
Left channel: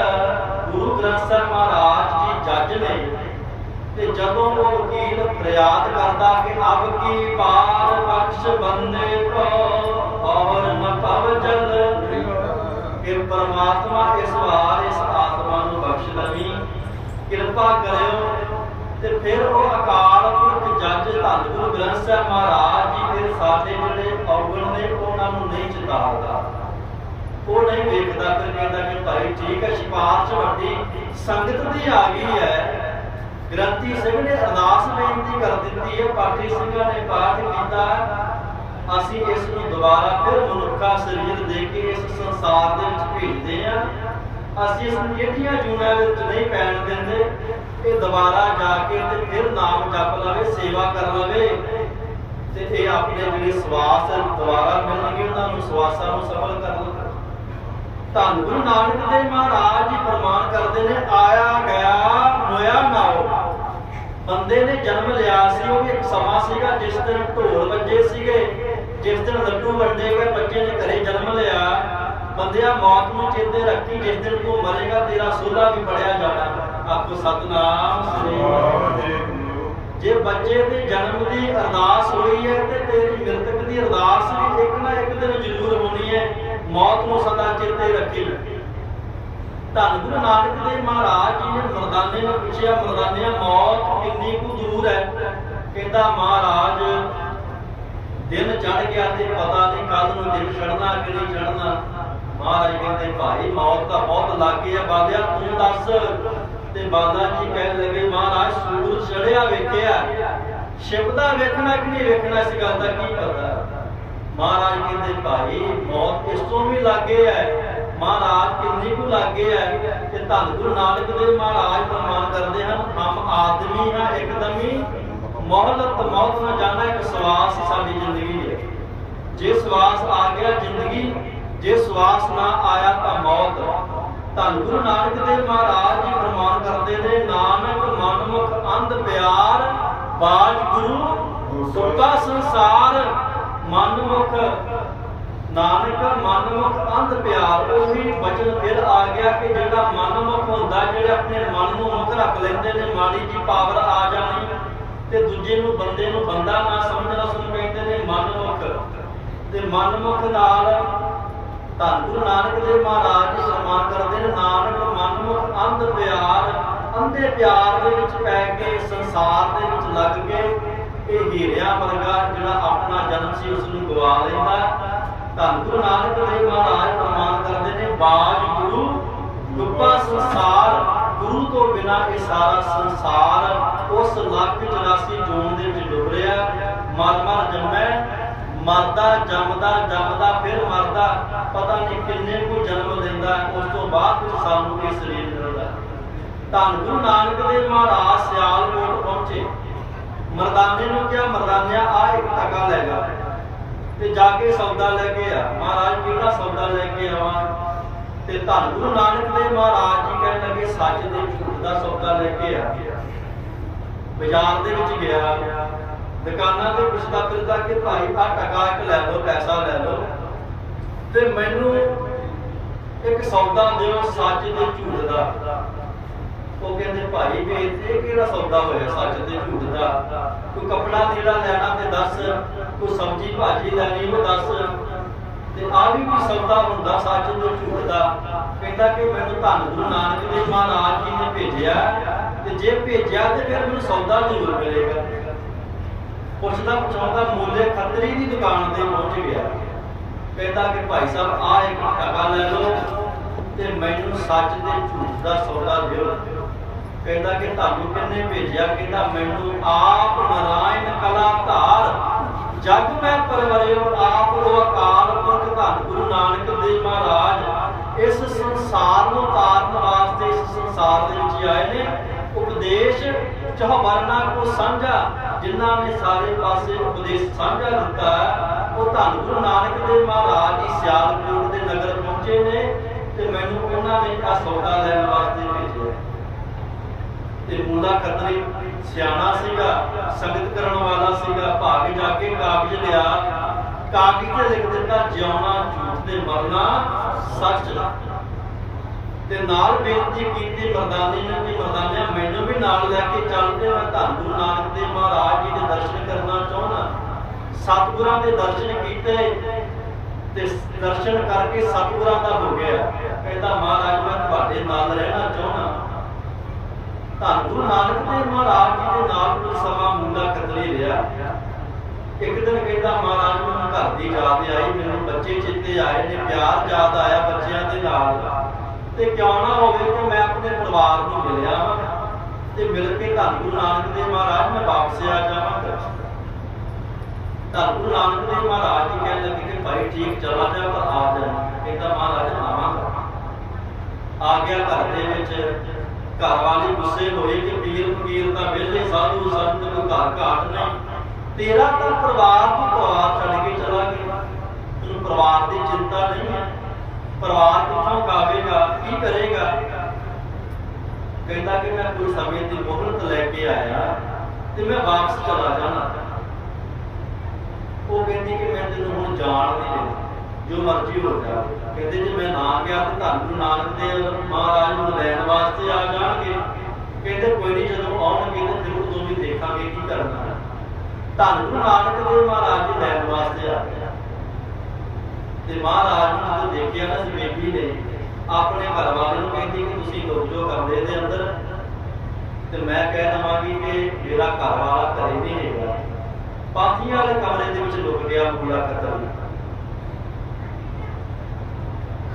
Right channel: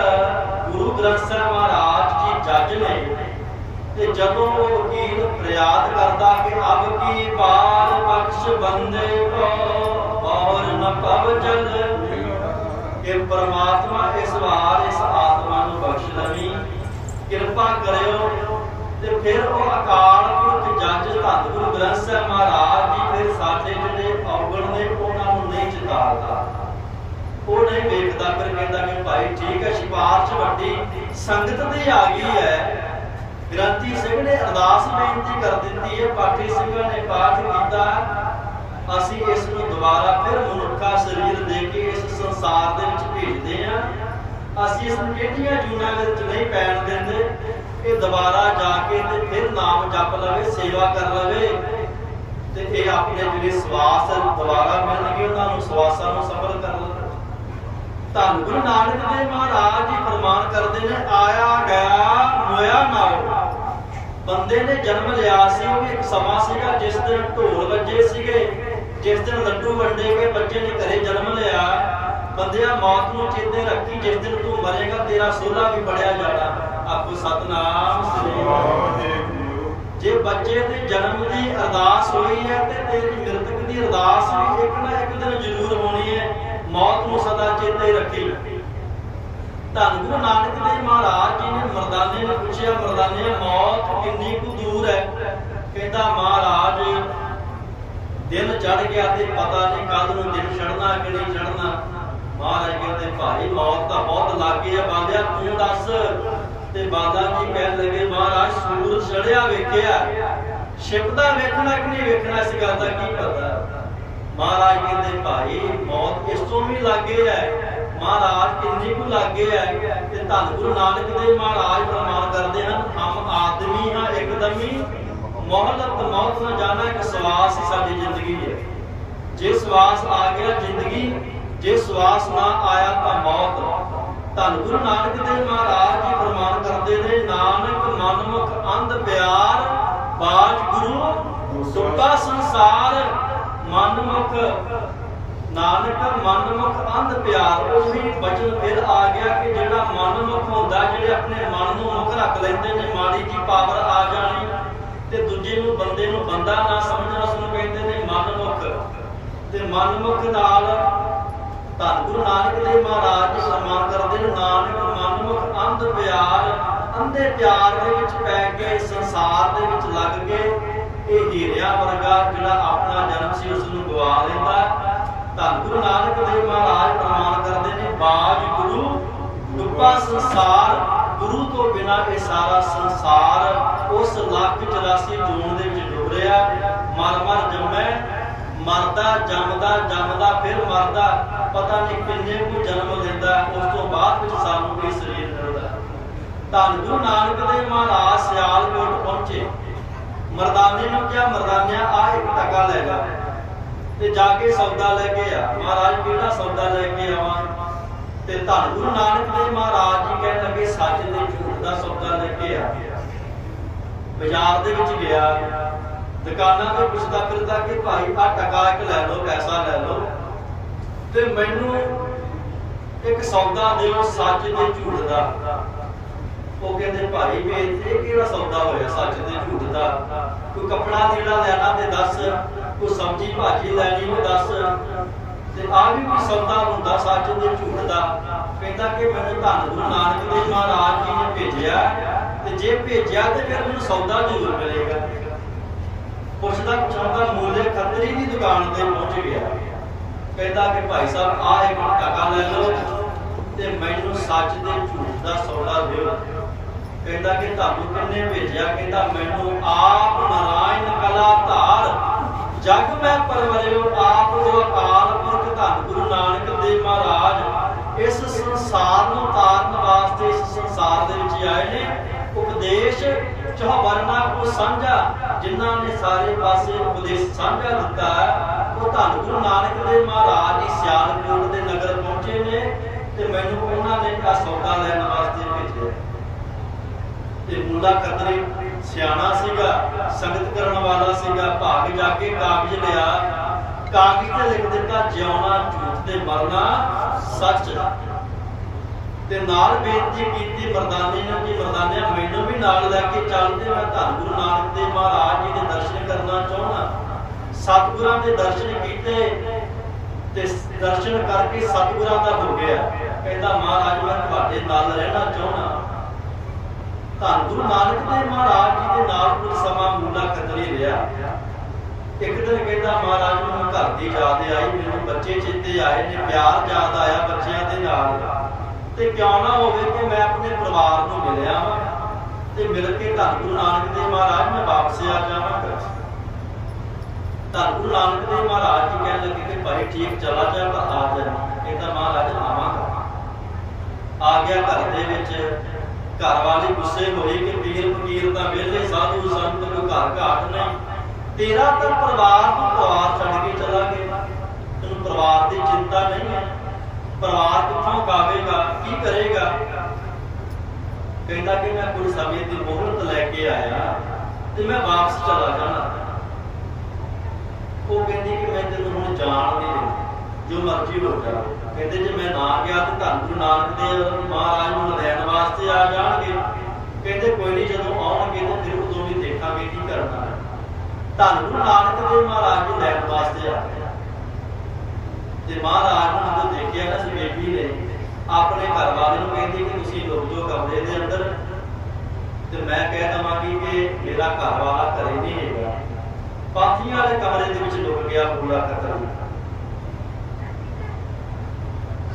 ਗੁਰੂ ਗ੍ਰੰਥ ਸਾਹਿਬ ਮਹਾਰਾਜ ਜੀ ਜੱਜ ਨੇ, ਤੇ ਜਦੋਂ ਉਹ ਵਕੀਲ ਫਰਿਆਦ ਕਰਦਾ ਕਿ ਅਬ ਕੀ ਬਾਰ ਬਖਸ਼ ਬੰਦੇ ਕੋ, ਔਰ ਨ ਪਵ ਜਲ, ਕਿ ਪਰਮਾਤਮਾ ਇਸ ਵਾਰ ਇਸ ਆਤਮਾ ਨੂੰ ਬਖਸ਼ ਲਵੀ ਕਿਰਪਾ ਕਰਿਓ ਤੇ ਫਿਰ ਉਹ ਅਕਾਲ ਪੁਰਖ ਜੱਜ ਧੰਨ ਗੁਰੂ ਗ੍ਰੰਥ ਸਾਹਿਬ ਮਹਾਰਾਜ ਜੀ ਫਿਰ ਸਾਡੇ ਜਿਹੜੇ ਔਗਣ ਨੇ, ਉਹਨਾਂ ਨੂੰ ਨਹੀਂ ਚਿਤਾਰਦਾ। ਉਹ ਨਹੀਂ ਵੇਖਦਾ, ਫਿਰ ਕਹਿੰਦਾ ਕਿ ਭਾਈ ਠੀਕ ਹੈ ਸਿਫਾਰਿਸ਼ ਵੱਡੀ ਸੰਗਤ ਦੀ ਆ ਗਈ ਹੈ। ਗ੍ਰੰਥੀ ਸਿੰਘ ਨੇ ਅਰਦਾਸ ਬੇਨਤੀ ਕਰ ਦਿੱਤੀ ਹੈ ਪਾਠੀ ਸਿੰਘਾਂ ਨੇ ਪਾਠ ਕੀਤਾ। ਅਸੀਂ ਇਸ ਨੂੰ ਦੁਬਾਰਾ ਫਿਰ ਮਨੁੱਖਾ ਸਰੀਰ ਦੇ ਕੇ ਇਸ ਸੰਸਾਰ ਦੇ ਵਿੱਚ ਭੇਜਦੇ ਹਾਂ। ਅਸੀਂ ਇਸ ਨੂੰ ਕਿਹੜੀਆਂ ਜੂਨਾਂ ਦੇ ਵਿੱਚ ਨਹੀਂ ਪੈਣ ਦਿੰਦੇ। ਇਹ ਦੁਬਾਰਾ ਜਾ ਕੇ ਤੇ ਫਿਰ ਨਾਮ ਜਪ ਲਵੇ, ਸੇਵਾ ਕਰ ਲਵੇ ਤੇ ਇਹ ਆਪਣੇ ਜਿਹੜੇ ਸਵਾਸ ਦੁਬਾਰਾ ਮਿਲਣਗੇ, ਉਹਨਾਂ ਨੂੰ ਸਵਾਸਾਂ ਨੂੰ ਸਫਲ ਕਰ ਲਵੇ। ਧੰਨ ਗੁਰੂ ਨਾਨਕ ਦੇਵ ਮਹਾਰਾਜ ਜੀ ਫਰਮਾਨ ਕਰਦੇ ਨੇ, ਆਇਆ, ਗਿਆ, ਮੋਇਆ ਨਾਓ ਬੰਦੇ ਨੇ ਜਨਮ ਲਿਆ ਸੀ, ਉਹ ਵੀ ਇੱਕ ਸਮਾਂ ਸੀਗਾ, ਜਿਸ ਦਿਨ ਢੋਲ ਵੱਜੇ ਸੀਗੇ, ਜਿਸ ਦਿਨ ਲੱਡੂ ਵੰਡੇ ਗਏ, ਬੱਚੇ ਨੇ ਘਰੇ ਜਨਮ ਲਿਆ। ਬੰਦਿਆ ਮੌਤ ਨੂੰ ਚੇਤੇ ਰੱਖੀ, ਜਿਸ ਦਿਨ ਤੂੰ ਮਰੇਗਾ, ਤੇਰਾ ਸੋਲਾ ਵੀ ਪੜਿਆ ਜਾਣਾ। ਆਖੋ ਸਤਨਾਮ। ਸ੍ਰੀ ਵਾਹਿਗੁਰੂ। ਜੇ ਬੱਚੇ ਦੇ ਜਨਮ ਦੀ ਅਰਦਾਸ ਹੋਈ ਹੈ ਤੇ ਤੇਰੀ ਮ੍ਰਿਤਕ ਦੀ ਅਰਦਾਸ ਵੀ ਇੱਕ ਨਾ ਇੱਕ ਦਿਨ ਜ਼ਰੂਰ ਹੋਣੀ ਹੈ। ਮੌਤ ਨੂੰ ਸਦਾ ਚੇਤੇ ਰੱਖੀ। ਧੰਨ ਗੁਰੂ ਨਾਨਕ ਦੇਵ ਮਹਾਰਾਜ ਜੀ ਨੇ ਮਰਦਾਨੇ ਨੂੰ ਪੁੱਛਿਆ ਮਰਦਾਨਿਆ ਮੌਤ ਕਿੰਨੀ ਕੁ ਦੂਰ ਹੈ? ਕਹਿੰਦਾ ਮਹਾਰਾਜ ਦਿਨ ਚੜ ਗਿਆ ਤੇ ਪਤਾ ਨਹੀਂ ਕਦ ਨੂੰ ਦਿਨ ਛੜਨਾ ਕਿ ਨਹੀਂ ਛੜਨਾ ਮਹਾਰਾਜ ਕਹਿੰਦੇ ਭਾਈ ਮੌਤ ਤਾਂ ਬਹੁਤ ਲਾਗੇ ਹੈ ਬਾਲਿਆ ਤੂੰ ਦੱਸ ਤੇ ਬਾਲਾ ਜੀ ਕਹਿਣ ਲੱਗੇ, ਮਹਾਰਾਜ ਸੂਰਜ ਚੜਿਆ ਵੇਖਿਆ। ਸ਼ਿਵਦਾ ਵੇਖਣਾ ਕਿ ਨਹੀਂ ਵੇਖਣਾ, ਇਸ ਗੱਲ ਦਾ ਕੀ ਪਤਾ? ਮਹਾਰਾਜ ਕਹਿੰਦੇ, ਭਾਈ, ਮੌਤ ਇਸ ਤੋਂ ਵੀ ਲਾਗੇ ਹੈ? ਮਹਾਰਾਜ ਕਿੰਨੀ ਕੁ ਲਾਗੇ ਹੈ? ਤੇ ਧੰਨ ਗੁਰੂ ਨਾਨਕ ਦੇਵ ਮਹਾਰਾਜ ਪ੍ਰਮਾਣ ਕਰਦੇ ਹਨ, ਹਮ ਆਦਮੀ ਹਾਂ ਇੱਕਦਮੀ, ਮੋਹਲਤ ਮੌਤ ਨਾ ਜਾਣਾ ਇੱਕ ਸਵਾਸ ਹੀ ਸਾਡੀ ਜ਼ਿੰਦਗੀ ਹੈ। ਜੇ ਸਵਾਸ ਆ ਗਿਆ ਜ਼ਿੰਦਗੀ, ਜੇ ਸਵਾਸ ਨਾ ਆਇਆ ਤਾਂ ਮੌਤ। ਧੰਨ ਗੁਰੂ ਨਾਨਕ ਦੇਵ ਮਹਾਰਾਜ ਜੀ ਫਰਮਾਨ ਕਰਦੇ ਨੇ, ਨਾਨਕ ਮਨਮੁਖ ਅੰਧ ਪਿਆਰ ਬਾਜ ਗੁਰੂ ਟੁੱਟਾ ਸੰਸਾਰ, ਮਨਮੁਖ, ਨਾਨਕ ਮਨਮੁਖ ਅੰਧ ਪਿਆਰ, ਉਹੀ ਬਚਨ ਫਿਰ ਆ ਗਿਆ ਕਿ ਜਿਹੜਾ ਮਨਮੁਖ ਹੁੰਦਾ, ਜਿਹੜੇ ਆਪਣੇ ਮਨ ਨੂੰ ਮੁਖ ਰੱਖ ਲੈਂਦੇ ਨੇ, ਮਾੜੀ ਜੀ ਪਾਵਰ ਆ ਜਾਣੀ ਤੇ ਦੂਜੇ ਨੂੰ ਬੰਦੇ ਨੂੰ ਬੰਦਾ ਨਾ ਸਮਝਣਾ, ਉਸ ਨੂੰ ਕਹਿੰਦੇ ਨੇ ਮਨਮੁਖ। ਤੇ ਮਨਮੁਖ ਨਾਲ ਧੰਨ ਗੁਰੂ ਨਾਨਕ ਦੇਵ ਮਹਾਰਾਜ ਜੀ ਸਨਮਾਨ ਕਰਦੇ ਨੇ। ਨਾਨਕ ਮਨਮੁਖ ਅੰਧ ਪਿਆਰ, ਅੰਧੇ ਪਿਆਰ ਦੇ ਵਿੱਚ ਪੈ ਕੇ ਸੰਸਾਰ ਦੇ ਵਿੱਚ ਲੱਗ ਕੇ ਇਹ ਹੀਰਿਆਂ ਵਰਗਾ ਜਿਹੜਾ ਆਪਣਾ ਜਨਮ ਸੀ ਉਸ ਨੂੰ ਗਵਾ ਲੈਂਦਾ ਧੰਨ ਗੁਰੂ ਨਾਨਕ ਦੇਵ ਮਹਾਰਾਜ ਪ੍ਰਮਾਣ ਕਰਦੇ ਨੇ ਬਾਜ ਗੁਰੂ ਡੁੱਬਾ ਸੰਸਾਰ, ਗੁਰੂ ਤੋਂ ਬਿਨਾ ਇਹ ਸਾਰਾ ਸੰਸਾਰ ਉਸ ਲੱਖ 84 ਜੂਨ ਦੇ ਵਿੱਚ ਡੁੱਬ ਰਿਹਾ। ਮਰ ਮਰ ਜੰਮੈ, ਮਰਦਾ, ਜੰਮਦਾ ਜੰਮਦਾ, ਫਿਰ ਮਰਦਾ। ਪਤਾ ਨਹੀਂ ਕਿੰਨੇ ਕੁ ਜਨਮ ਲੈਂਦਾ ਉਸ ਤੋਂ ਬਾਅਦ ਵਿੱਚ ਸਾਨੂੰ ਇਹ ਸਰੀਰ ਮਿਲਦਾ ਧੰਨ ਗੁਰੂ ਨਾਨਕ ਦੇਵ ਮਹਾਰਾਜ ਸਿਆਲਕੋਟ ਪਹੁੰਚੇ। ਮਰਦਾਨੇ ਨੂੰ ਕਿਹਾ, ਮਰਦਾਨਿਆ, ਆ ਇੱਕ ਟਕਾ ਲੈ ਜਾ। ਤੇ ਜਾ ਕੇ ਸੌਦਾ ਲੈ ਕੇ ਆ। ਮਹਾਰਾਜ, ਕਿਹੜਾ ਸੌਦਾ ਲੈ ਕੇ ਆਵਾਂ? ਤੇ ਧੰਨ ਗੁਰੂ ਨਾਨਕ ਦੇਵ ਮਹਾਰਾਜ ਜੀ ਕਹਿਣ ਲੱਗੇ, ਸੱਚ ਦੇ ਝੂਠ ਦਾ ਸੌਦਾ ਲੈ ਕੇ ਆ। ਬਾਜ਼ਾਰ ਦੇ ਵਿੱਚ ਗਿਆ। ਦੁਕਾਨਾਂ ਤੇ ਪੁੱਛਦਾ ਫਿਰਦਾ ਕਿ, ਭਾਈ ਆ ਟਕਾ ਇੱਕ ਲੈ ਲਓ, ਪੈਸਾ ਲੈ ਲਓ। ਤੇ ਮੈਨੂੰ ਇੱਕ ਸੌਦਾ ਦਿਓ ਸੱਚ ਤੇ ਝੂਠ ਦਾ। ਉਹ ਕਹਿੰਦੇ, ਭਾਈ ਵੀ ਇਹ ਕਿਹੜਾ ਸੌਦਾ ਹੋਇਆ ਸੱਚ ਤੇ ਝੂਠ ਦਾ? ਕੋਈ ਕੱਪੜਾ ਲੀੜਾ ਲੈਣਾ ਤੇ ਦੱਸ, ਕੋਈ ਸਬਜ਼ੀ ਭਾਜੀ ਲੈਣੀ ਉਹ ਦੱਸ। ਤੇ ਆ ਵੀ ਕੋਈ ਸੌਦਾ ਹੁੰਦਾ ਸੱਚ ਤੇ ਝੂਠ ਦਾ? ਕਹਿੰਦਾ ਕਿ ਮੈਨੂੰ ਧੰਨ ਗੁਰੂ ਨਾਨਕ ਦੇਵ ਮਹਾਰਾਜ ਜੀ ਨੇ ਭੇਜਿਆ। ਤੇ ਜੇ ਭੇਜਿਆ ਤੇ ਫਿਰ ਮੈਨੂੰ ਸੌਦਾ ਜ਼ਰੂਰ ਮਿਲੇਗਾ। ਪੁੱਛਦਾ ਪੁੱਛਾਉਂਦਾ ਮੂਲੇ ਖੱਤਰੀ ਦੀ ਦੁਕਾਨ ਤੇ ਪਹੁੰਚ ਗਿਆ। ਕਹਿੰਦਾ ਕਿ ਭਾਈ ਸਾਹਿਬ ਆ ਇੱਕ ਟਕਾ ਲੈ ਲਓ ਤੇ ਮੈਨੂੰ ਸੱਚ ਤੇ ਝੂਠ ਦਾ ਸੌਦਾ ਦਿਓ। ਕਹਿੰਦਾ ਕਿ ਤੁਹਾਨੂੰ ਕਿੰਨੇ ਭੇਜਿਆ? ਕਹਿੰਦਾ, ਮੈਨੂੰ ਆਪ ਨਾਰਾਇਣ ਕਲਾ ਧਾਰ ਜਗ ਮੈਂ ਪਰਵਰਿਓ, ਆਪ ਉਹ ਅਕਾਲ ਪੁਰਖ ਧੰਨ ਗੁਰੂ ਨਾਨਕ ਦੇਵ ਮਹਾਰਾਜ, ਇਸ ਸੰਸਾਰ ਨੂੰ ਤਾਰਨ ਵਾਸਤੇ ਇਸ ਸੰਸਾਰ ਦੇ ਵਿੱਚ ਆਏ ਨੇ। ਉਪਦੇਸ਼ ਚੌਵਰਨਾ ਕੋ ਸਾਂਝਾ, ਜਿਨ੍ਹਾਂ ਨੇ ਸਾਰੇ ਪਾਸੇ ਉਪਦੇਸ਼ ਸਾਂਝਾ ਦਿੱਤਾ ਉਹ ਧੰਨ ਗੁਰੂ ਨਾਨਕ ਦੇਵ ਮਹਾਰਾਜ ਜੀ ਸਿਆਲਕੋਟ ਦੇ ਨਗਰ ਪਹੁੰਚੇ ਨੇ ਤੇ ਮੈਨੂੰ ਉਹਨਾਂ ਨੇ ਆ ਸੌਦਾ ਲੈਣ ਵਾਸਤੇ ਭੇਜਿਆ। ਤੇ ਮੁੰਡਾ ਖੱਤਰੀ ਸਿਆਣਾ ਸੀਗਾ, ਸੰਗਤ ਕਰਨ ਵਾਲਾ ਸੀਗਾ, ਭਾਗ ਜਾ ਕੇ ਕਾਗਜ਼ ਲਿਆ। ਕਾਗਜ਼ ਤੇ ਲਿਖ ਦਿੱਤਾ, ਜਿਉਣਾ, ਝੂਠ ਤੇ ਮਰਨਾ, ਸੱਚ ਤੇ ਨਾਲ ਬੇਨਤੀ ਕੀਤੀ ਮਰਦਾਨੇ ਨੂੰ ਕਿ ਮਰਦਾਨਿਆ, ਮੈਨੂੰ ਵੀ ਨਾਲ ਲੈ ਕੇ ਚੱਲ ਤੇ ਮੈਂ ਧੰਨ ਗੁਰੂ ਨਾਨਕ ਦੇਵ ਮਹਾਰਾਜ ਜੀ ਦੇ ਦਰਸ਼ਨ ਕਰਨਾ ਚਾਹੁੰਦਾ। ਸਤਿਗੁਰਾਂ ਦੇ ਦਰਸ਼ਨ ਕੀਤੇ ਤੇ ਦਰਸ਼ਨ ਕਰਕੇ ਸਤਿਗੁਰਾਂ ਦਾ ਹੋ ਗਿਆ। ਕਹਿੰਦਾ, ਮਹਾਰਾਜ, ਮੈਂ ਤੁਹਾਡੇ ਨਾਲ ਰਹਿਣਾ ਚਾਹੁੰਦਾ ਧੰਨ ਗੁਰੂ ਨਾਨਕ ਦੇਵ ਮਹਾਰਾਜ ਜੀ ਦੇ ਨਾਲ ਕੁਝ ਸਮਾਂ ਮੁੰਡਾ ਖੱਤਰੀ ਰਿਹਾ। ਇੱਕ ਦਿਨ ਕਹਿੰਦਾ, ਮਹਾਰਾਜ ਮੈਨੂੰ ਘਰ ਦੀ ਯਾਦ ਆਈ, ਮੈਨੂੰ ਬੱਚੇ ਚੇਤੇ ਆਏ ਨੇ, ਪਿਆਰ ਯਾਦ ਆਇਆ ਬੱਚਿਆਂ ਦੇ ਨਾਲ। ਤੇ ਕਿਉਂ ਨਾ ਹੋਵੇ ਕਿ ਮੈਂ ਆਪਣੇ ਪਰਿਵਾਰ ਨੂੰ ਮਿਲਿਆ ਵਾਂ ਤੇ ਮਿਲ ਕੇ ਧੰਨ ਗੁਰੂ ਨਾਨਕ ਦੇਵ ਮਹਾਰਾਜ ਮੈਂ ਵਾਪਸ ਆ ਜਾਵਾਂਗਾ। ਧੰਨ ਗੁਰੂ ਨਾਨਕ ਦੇਵ ਮਹਾਰਾਜ ਜੀ ਕਹਿਣ ਲੱਗੇ ਕਿ ਭਾਈ ਠੀਕ ਚਲਾ ਜਾ ਤਾਂ ਆ ਜਾ ਕਹਿੰਦਾ ਮਹਾਰਾਜ, ਆਵਾਂਗਾ। ਆ ਗਿਆ ਘਰ ਦੇ ਵਿੱਚ ਘਰ ਵਾਲੀ ਗੁੱਸੇ ਹੋਈ ਕਿ ਪੀਰ ਫਕੀਰ ਤਾਂ ਵਿਹਲੇ, ਸਾਧੂ ਸੰਤ, ਕੋਈ ਘਰ ਘਾਟ ਨਹੀਂ। ਤੇਰਾ ਤਾਂ ਪਰਿਵਾਰ ਨੂੰ ਪਰਿਵਾਰ ਛੱਡ ਕੇ ਚਲਾ ਗਿਆ। ਤੈਨੂੰ ਪਰਿਵਾਰ ਦੀ ਚਿੰਤਾ ਨਹੀਂ ਹੈ। ਪਰਿਵਾਰ ਕਿੱਥੋਂ ਕਾਵੇਗਾ, ਕੀ ਕਰੇਗਾ? ਕਹਿੰਦਾ ਕਿ ਮੈਂ ਕੋਈ ਸਮੇਂ ਦੀ ਮੁਹਲਤ ਲੈ ਕੇ ਆਇਆ ਤੇ ਮੈਂ ਵਾਪਸ ਚਲਾ ਜਾਣਾ। ਉਹ ਕਹਿੰਦੀ ਕਿ ਮੈਂ ਤੈਨੂੰ ਹੁਣ ਜਾਣ ਨਹੀਂ ਦਿੰਦੀ। ਜੋ ਮਰਜ਼ੀ ਹੋ ਜਾਵੇ। ਕਹਿੰਦੇ ਜੇ ਮੈਂ ਨਾ ਗਿਆ ਤਾਂ ਧੰਨ ਗੁਰੂ ਨਾਨਕ ਦੇਵ ਮਹਾਰਾਜ ਨੂੰ ਲੈਣ ਵਾਸਤੇ ਆ ਜਾਣਗੇ। ਕਹਿੰਦੇ ਕੋਈ ਨਹੀਂ, ਜਦੋਂ ਆਉਣਗੇ ਤਾਂ ਫਿਰ ਉਦੋਂ ਵੀ ਦੇਖਾਂਗੇ ਕੀ ਕਰਨਾ ਹੈ। ਧੰਨ ਗੁਰੂ ਨਾਨਕ ਦੇਵ ਮਹਾਰਾਜ ਜੀ ਲੈਣ ਵਾਸਤੇ ਆ ਗਏ। ਤੇ ਮਹਾਰਾਜ ਨੂੰ ਜਦੋਂ ਦੇਖਿਆ ਨਾ ਇਸ ਨੇ, ਆਪਣੇ ਘਰ ਵਾਲੇ ਨੂੰ ਕਹਿੰਦੀ ਕਿ ਤੁਸੀਂ ਲੁਕ ਜਾਓ ਕਮਰੇ ਦੇ ਅੰਦਰ। ਤੇ ਮੈਂ ਕਹਿ ਦਵਾਂਗੀ ਕਿ ਮੇਰਾ ਘਰ ਵਾਲਾ ਘਰੇ ਨਹੀਂ ਹੈਗਾ। ਪਾਥੀਆਂ ਵਾਲੇ ਕਮਰੇ ਦੇ ਵਿੱਚ ਲੁਕ ਗਿਆ ਬੁਲਾ ਖਤਰ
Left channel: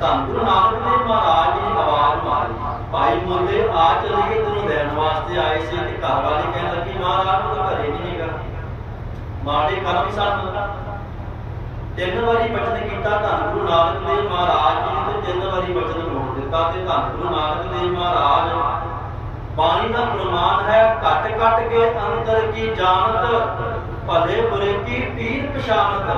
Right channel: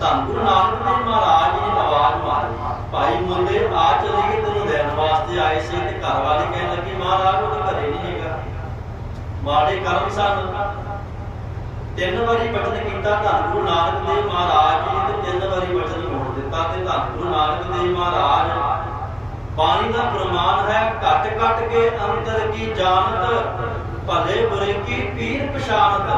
ਧੰਨ ਗੁਰੂ ਨਾਨਕ ਦੇਵ ਮਹਾਰਾਜ ਜੀ ਨੇ ਆਵਾਜ਼ ਮਾਰੀ। ਭਾਈ ਮੁੰਡੇ ਆ ਚਲੀਏ ਤੈਨੂੰ ਲੈਣ ਵਾਸਤੇ ਆਏ ਸੀ ਤੇ ਘਰ ਵਾਲੀ ਕਹਿਣ ਲੱਗੀ, ਮਹਾਰਾਜ, ਉਹ ਤਾਂ ਘਰੇ ਨਹੀਂ ਹੈਗਾ। ਮਾੜੇ ਕਰਮ ਸਨ ਤਿੰਨ ਵਾਰੀ ਬਚਨ ਕੀਤਾ ਧੰਨ ਗੁਰੂ ਨਾਨਕ ਦੇਵ ਮਹਾਰਾਜ ਜੀ ਨੇ ਤੇ ਤਿੰਨ ਵਾਰੀ ਬਚਨ ਮੋੜ ਦਿੱਤਾ ਤੇ ਧੰਨ ਗੁਰੂ ਨਾਨਕ ਦੇਵ ਮਹਾਰਾਜ। ਬਾਣੀ ਦਾ ਪ੍ਰਮਾਣ ਹੈ ਘਟ ਘਟ ਕੇ ਅੰਦਰ ਕੀ ਜਾਣਤ? ਭਲੇ ਬੁਰੇ ਕੀ ਪੀਰ ਪਛਾਨਤ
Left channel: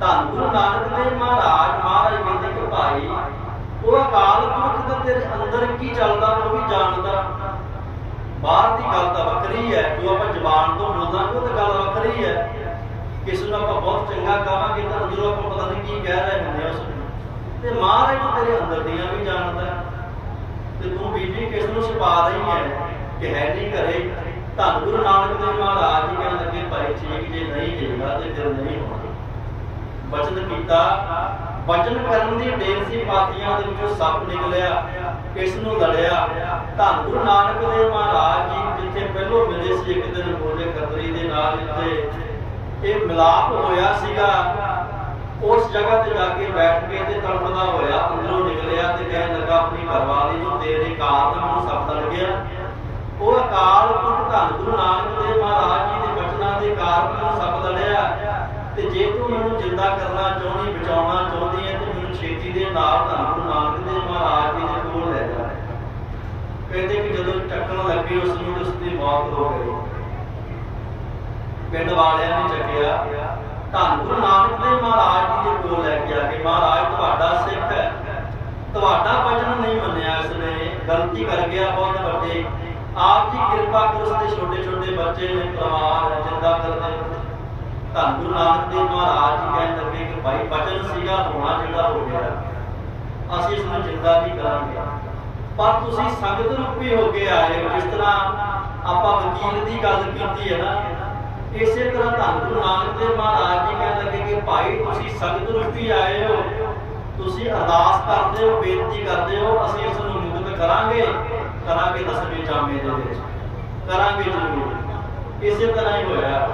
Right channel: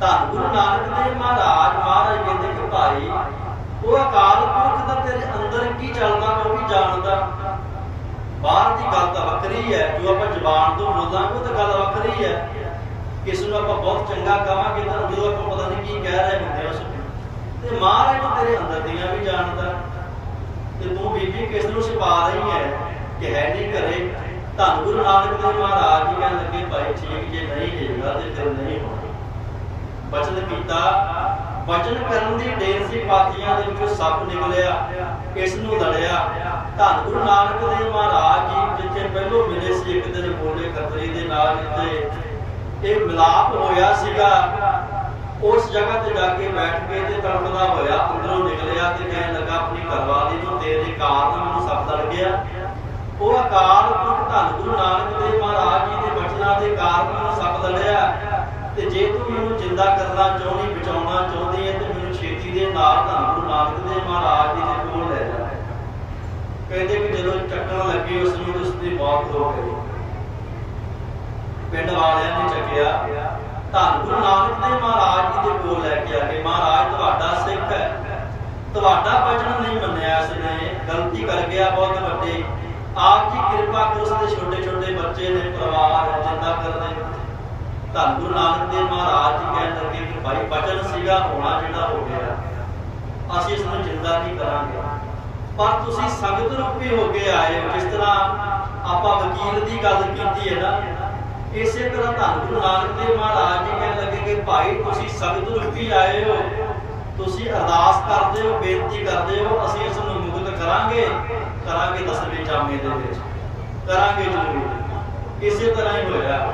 ਧੰਨ ਗੁਰੂ ਨਾਨਕ ਦੇਵ ਮਹਾਰਾਜ ਮਹਾਰਾਜ ਕਹਿੰਦੇ ਕਿ ਭਾਈ, ਉਹ ਅਕਾਲ ਪੁਰਖ ਦਾ ਤੇਰੇ ਅੰਦਰ ਕੀ ਚੱਲਦਾ ਮੈਂ ਵੀ ਜਾਣਦਾ। ਬਾਹਰ ਦੀ ਗੱਲ ਤਾਂ ਵੱਖਰੀ ਹੈ, ਜੋ ਆਪਾਂ ਜ਼ਬਾਨ ਤੋਂ ਬੋਲਾਂਗੇ ਉਹ ਤਾਂ ਗੱਲ ਵੱਖਰੀ ਹੈ। ਕਿਸ ਨੂੰ ਆਪਾਂ ਬਹੁਤ ਚੰਗਾ ਕਹਾਂਗੇ ਤਾਂ ਜਦੋਂ ਆਪਾਂ ਪਤਾ ਨਹੀਂ ਕੀ ਕਹਿ ਰਹੇ ਹੁੰਦੇ ਆ ਉਸ ਨੂੰ। ਤੇ ਮਹਾਰਾਜ ਤਾਂ ਤੇਰੇ ਅੰਦਰ ਦੀਆਂ ਵੀ ਜਾਣਦਾ। ਤੇ ਤੂੰ ਬੀਬੀ ਕਿਸ ਨੂੰ ਛੁਪਾ ਰਹੀ ਹੈ ਕਿ ਹੈ ਨਹੀਂ ਘਰੇ? ਧੰਨ ਗੁਰੂ ਨਾਨਕ ਦੇਵ ਮਹਾਰਾਜ ਜੀ ਕਹਿਣ ਲੱਗੇ ਭਾਈ ਠੀਕ ਜੇ ਨਹੀਂ ਹੈਗਾ ਤੇ ਫਿਰ ਨਹੀਂ ਹੋਣਾ। ਬਚਨ ਕੀਤਾ। ਬਚਨ ਕਰਨ ਦੀ ਢੇਰ ਸੀ ਪਾਤੀਆਂ ਦੇ ਵਿੱਚੋਂ ਸੱਪ ਨਿਕਲਿਆ, ਇਸ ਨੂੰ ਲੜਿਆ। ਧੰਨ ਗੁਰੂ ਨਾਨਕ ਦੇਵ ਮਹਾਰਾਜ ਜੀ ਜਿੱਥੇ ਪਹਿਲੋਂ ਮਿਲੇ ਸੀ, ਇੱਕ ਦਿਨ ਬੋਲੇ ਖੱਤਰੀ ਦੇ ਨਾਲ ਜਿੱਥੇ ਇਹ ਮਿਲਾਪ ਹੋਇਆ ਸੀਗਾ, ਉਸ ਜਗ੍ਹਾ ਤੇ ਜਾ ਕੇ ਬੈਠ ਕੇ ਤੇ ਤੜਫਦਾ ਹੋਇਆ, ਅੰਦਰੋਂ ਨਿਕਲਿਆ ਤੇ ਕਹਿਣ ਲੱਗਾ, ਆਪਣੀ ਘਰਵਾਲੀ ਨੂੰ ਤੇਰੇ ਕਾਰਨ ਮੈਨੂੰ ਸੱਪ ਲੜ ਗਿਆ ਉਹ ਅਕਾਲ ਪੁਰਖ ਧੰਨ ਗੁਰੂ ਨਾਨਕ ਦੇਵ ਮਹਾਰਾਜ ਜੀ ਦੇ ਬਚਨਾਂ ਦੇ ਕਾਰਨ ਮੈਨੂੰ ਸੱਪ ਤੇ ਜੇ ਤੂੰ ਮੈਨੂੰ ਜਿੰਦਾ ਕਰਨਾ ਚਾਹੁੰਦੀ, ਬਚਾਉਣਾ ਚਾਹੁੰਦੀ ਹੈ, ਤੇ ਮੈਨੂੰ ਛੇਤੀ ਦੇ ਨਾਲ ਧੰਨ ਗੁਰੂ ਨਾਨਕ ਦੇਵ ਮਹਾਰਾਜ ਜੀ ਦੇ ਕੋਲ ਲੈ ਜਾ। ਕਹਿੰਦੇ ਕਿ ਜਦੋਂ ਚੱਕਣ ਲੱਗੇ ਉਸ ਨੂੰ ਉਸ ਦੀ ਮੌਤ ਹੋ ਗਈ। ਪਿੰਡ ਵਾਲਿਆਂ ਨੇ ਚੱਕਿਆ, ਧੰਨ ਗੁਰੂ ਨਾਨਕ ਦੇਵ ਮਹਾਰਾਜ ਜੀ ਦੇ ਕੋਲ ਲੈ ਕੇ ਆ ਕੇ ਮਹਾਰਾਜ, ਤੁਹਾਡਾ ਸਿੱਖ ਹੈ। ਤੁਹਾਡਾ ਬਚਨ ਨਹੀਂ ਮੰਨਿਆ ਇਸਨੇ ਗਲਤੀ ਕਰ ਗਿਆ ਬਹੁਤ ਵੱਡੇ ਆਪ ਜੀ ਕਿਰਪਾ ਕਰੋ ਉਸਦੇ ਛੋਟੇ ਛੋਟੇ ਬੱਚੇ ਨੇ, ਪਰਿਵਾਰ ਜਿੰਦਾ ਕਰਦੇ ਧੰਨ ਗੁਰੂ ਨਾਨਕ ਦੇਵ ਮਹਾਰਾਜ ਜੀ ਕਹਿਣ ਲੱਗੇ ਕਿ ਭਾਈ ਬਚਨ ਸੀਗਾ, ਹੋਣਾ ਜਿਹੜਾ ਹੋ ਗਿਆ। ਅਸੀਂ ਇਸ ਨੂੰ ਜਿੰਦਾ ਨਹੀਂ ਕਰਾਂਗੇ। ਪਰ ਤੁਸੀਂ ਸੰਗਤ ਰੂਪੀ ਹੋ ਕੇ ਆਏ ਹੋ, ਜਿਸ ਤਰ੍ਹਾਂ ਆਪਾਂ ਵਕੀਲ ਦੀ ਗੱਲ ਕੀਤੀ ਹੈ ਨਾ, ਇਸੇ ਤਰ੍ਹਾਂ ਧੰਨ ਗੁਰੂ ਨਾਨਕ ਦੇਵ ਮਹਾਰਾਜ ਜੀ ਕਹਿਣ ਲੱਗੇ ਕਿ ਭਾਈ ਤੁਸੀਂ ਸੰਗਤ ਰੂਪੀ ਆਏ ਹੋ। ਤੁਸੀਂ ਅਰਦਾਸ ਕਰਦੇ ਹੋ, ਬੇਨਤੀ ਕਰਦੇ ਹੋ, ਅਸੀਂ ਇਸ ਨੂੰ ਮੁਕਤ ਕਰਾਂਗੇ। ਕਰਾਂਗੇ ਦਸਵੇਂ ਜਾਮੇ ਦੇ ਵਿੱਚ। ਕਰਾਂਗੇ ਜ਼ਰੂਰ। ਇਸੇ ਤਰ੍ਹਾਂ ਹੀ ਹੋਇਆ।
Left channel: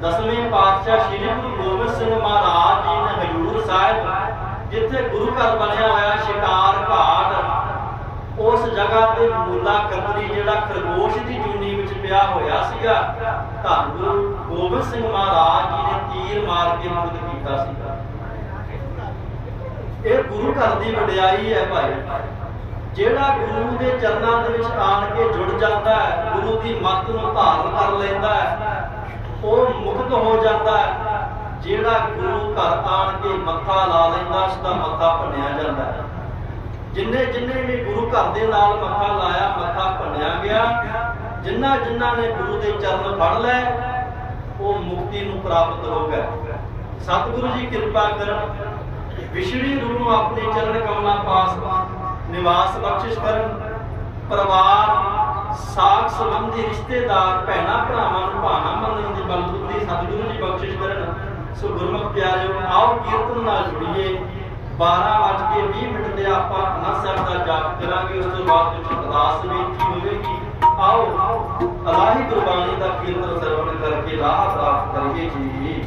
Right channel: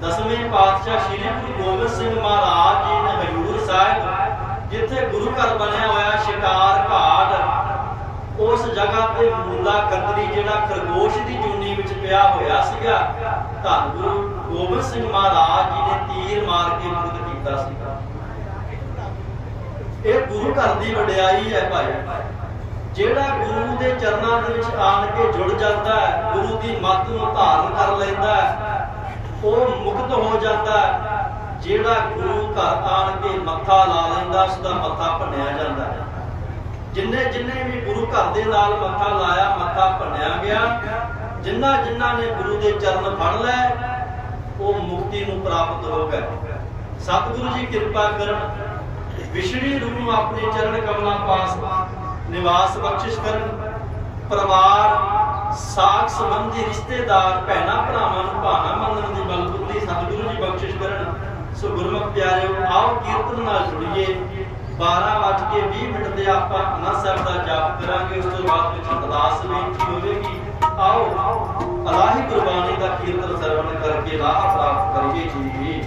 ਦਸਵੇਂ ਪਾਤਸ਼ਾਹ ਸ੍ਰੀ ਗੁਰੂ ਗੋਬਿੰਦ ਸਿੰਘ ਮਹਾਰਾਜ ਜੀ ਨੇ ਹਜੂਰ ਸਾਹਿਬ, ਜਿੱਥੇ ਗੁਰੂ ਘਰ ਬਣਿਆ ਹੋਇਆ ਸ਼ਿਕਾਰ ਘਾਟ, ਉਸ ਜਗ੍ਹਾ ਤੇ ਮੂਲਾ ਖੱਤਰੀ ਜਿਹੜਾ ਖਰਗੋਸ਼ ਦੀ ਜੂਨੀ ਵਿੱਚ ਪਿਆ ਹੋਇਆ ਸੀਗਾ, ਧੰਨ ਗੁਰੂ ਗੋਬਿੰਦ ਸਿੰਘ ਮਹਾਰਾਜ ਜੀ ਨੇ ਤੀਰ ਮਾਰ ਕੇ ਮੁਕਤ ਕੀਤਾ ਸੀਗਾ। ਇਹ ਗੁਰੂ ਘਰ ਦੀ ਵਡਿਆਈ ਹੈ ਭਾਈ। ਜਿਹੜਾ ਗੁਰੂ ਦੇ ਚਰਨਾਂ ਦੇ ਵਿੱਚ ਆਣ ਕੇ ਜੁੜ ਜਾਂਦਾ ਹੈ, ਗੁਰੂ ਦੀ ਮੱਤ ਨੂੰ ਧਾਰਨ ਕਰ ਲੈਂਦਾ ਹੈ, ਉਹ ਮੁਕਤ ਹੋ ਜਾਂਦਾ ਹੈ। ਜਿਹੜਾ ਗੁਰੂ ਘਰ ਆਣ ਕੇ ਮੱਥਾ ਲਾ ਲੈਂਦਾ, ਉਸ ਦਾ ਮੱਥਾ ਭੰਨਿਆ ਜਾਂਦਾ ਹੈ। ਜਿੰਨੇ ਜਿੰਨੇ ਵੀ ਗੁਰੂ ਘਰ ਦੇ ਨਾਲ ਮੱਥਾ ਲਾਇਆ, ਮੱਥਾ ਭੰਨਿਆ ਗਿਆ, ਜਿੰਨਾ ਜਿਨ੍ਹਾਂ ਨੇ ਗੁਰੂ ਦੇ ਚਰਨ ਫੜ ਲਏ, ਉਹ ਮੁਕਤੀ ਨੂੰ ਪ੍ਰਾਪਤ ਹੋ ਗਏ। ਸਤਿਗੁਰੂ ਜੀ ਕਿਰਪਾ ਕਰਨ ਵਿਛੜੀ ਰੂਹ ਨੂੰ ਆਪਣੇ ਚਰਨ ਕਮਲਾਂ ਪਾਸ ਨਿਵਾਸ ਬਖਸ਼ਿਸ਼ ਕਰਨ, ਪਰਿਵਾਰ, ਸਾਖ ਸੰਬੰਧੀ ਰਿਸ਼ਤੇਦਾਰ, ਭੈਣਾ ਭਰਾਵਾਂ ਨੂੰ ਭਾਣਾ ਮੰਨਣ ਦੀ ਬਲਬੁੱਧੀ ਸਤਿਗੁਰੂ ਜੀ ਬਖਸ਼ਿਸ਼ ਕਰਨ। ਸੋ ਗੁਰਮੁਖ ਪਿਆਰਿਓ, ਆਓ ਕੀਰਤਨ ਨਾਲ ਜੁੜੀਏ। 12 ਵੱਜ ਕੇ 20 ਮਿੰਟ ਤੇ ਆਪਾਂ ਅਨੰਦ ਸਾਹਿਬ ਦਾ ਜਾਪ ਕਰਾਂਗੇ। ਉਸ ਤੋਂ ਬਾਅਦ ਵਿੱਚ ਅਰਦਾਸ ਬੇਨਤੀ ਹੋਵੇਗੀ। ਆਓ, ਅਲਾਹੀ ਗੁਰਬਾਣੀ ਦਾ ਕੀਰਤਨ ਸਰਵਣ ਕਰਕੇ ਲਾਹ ਪ੍ਰਾਪਤ ਕਰੀਏ ਜੀ।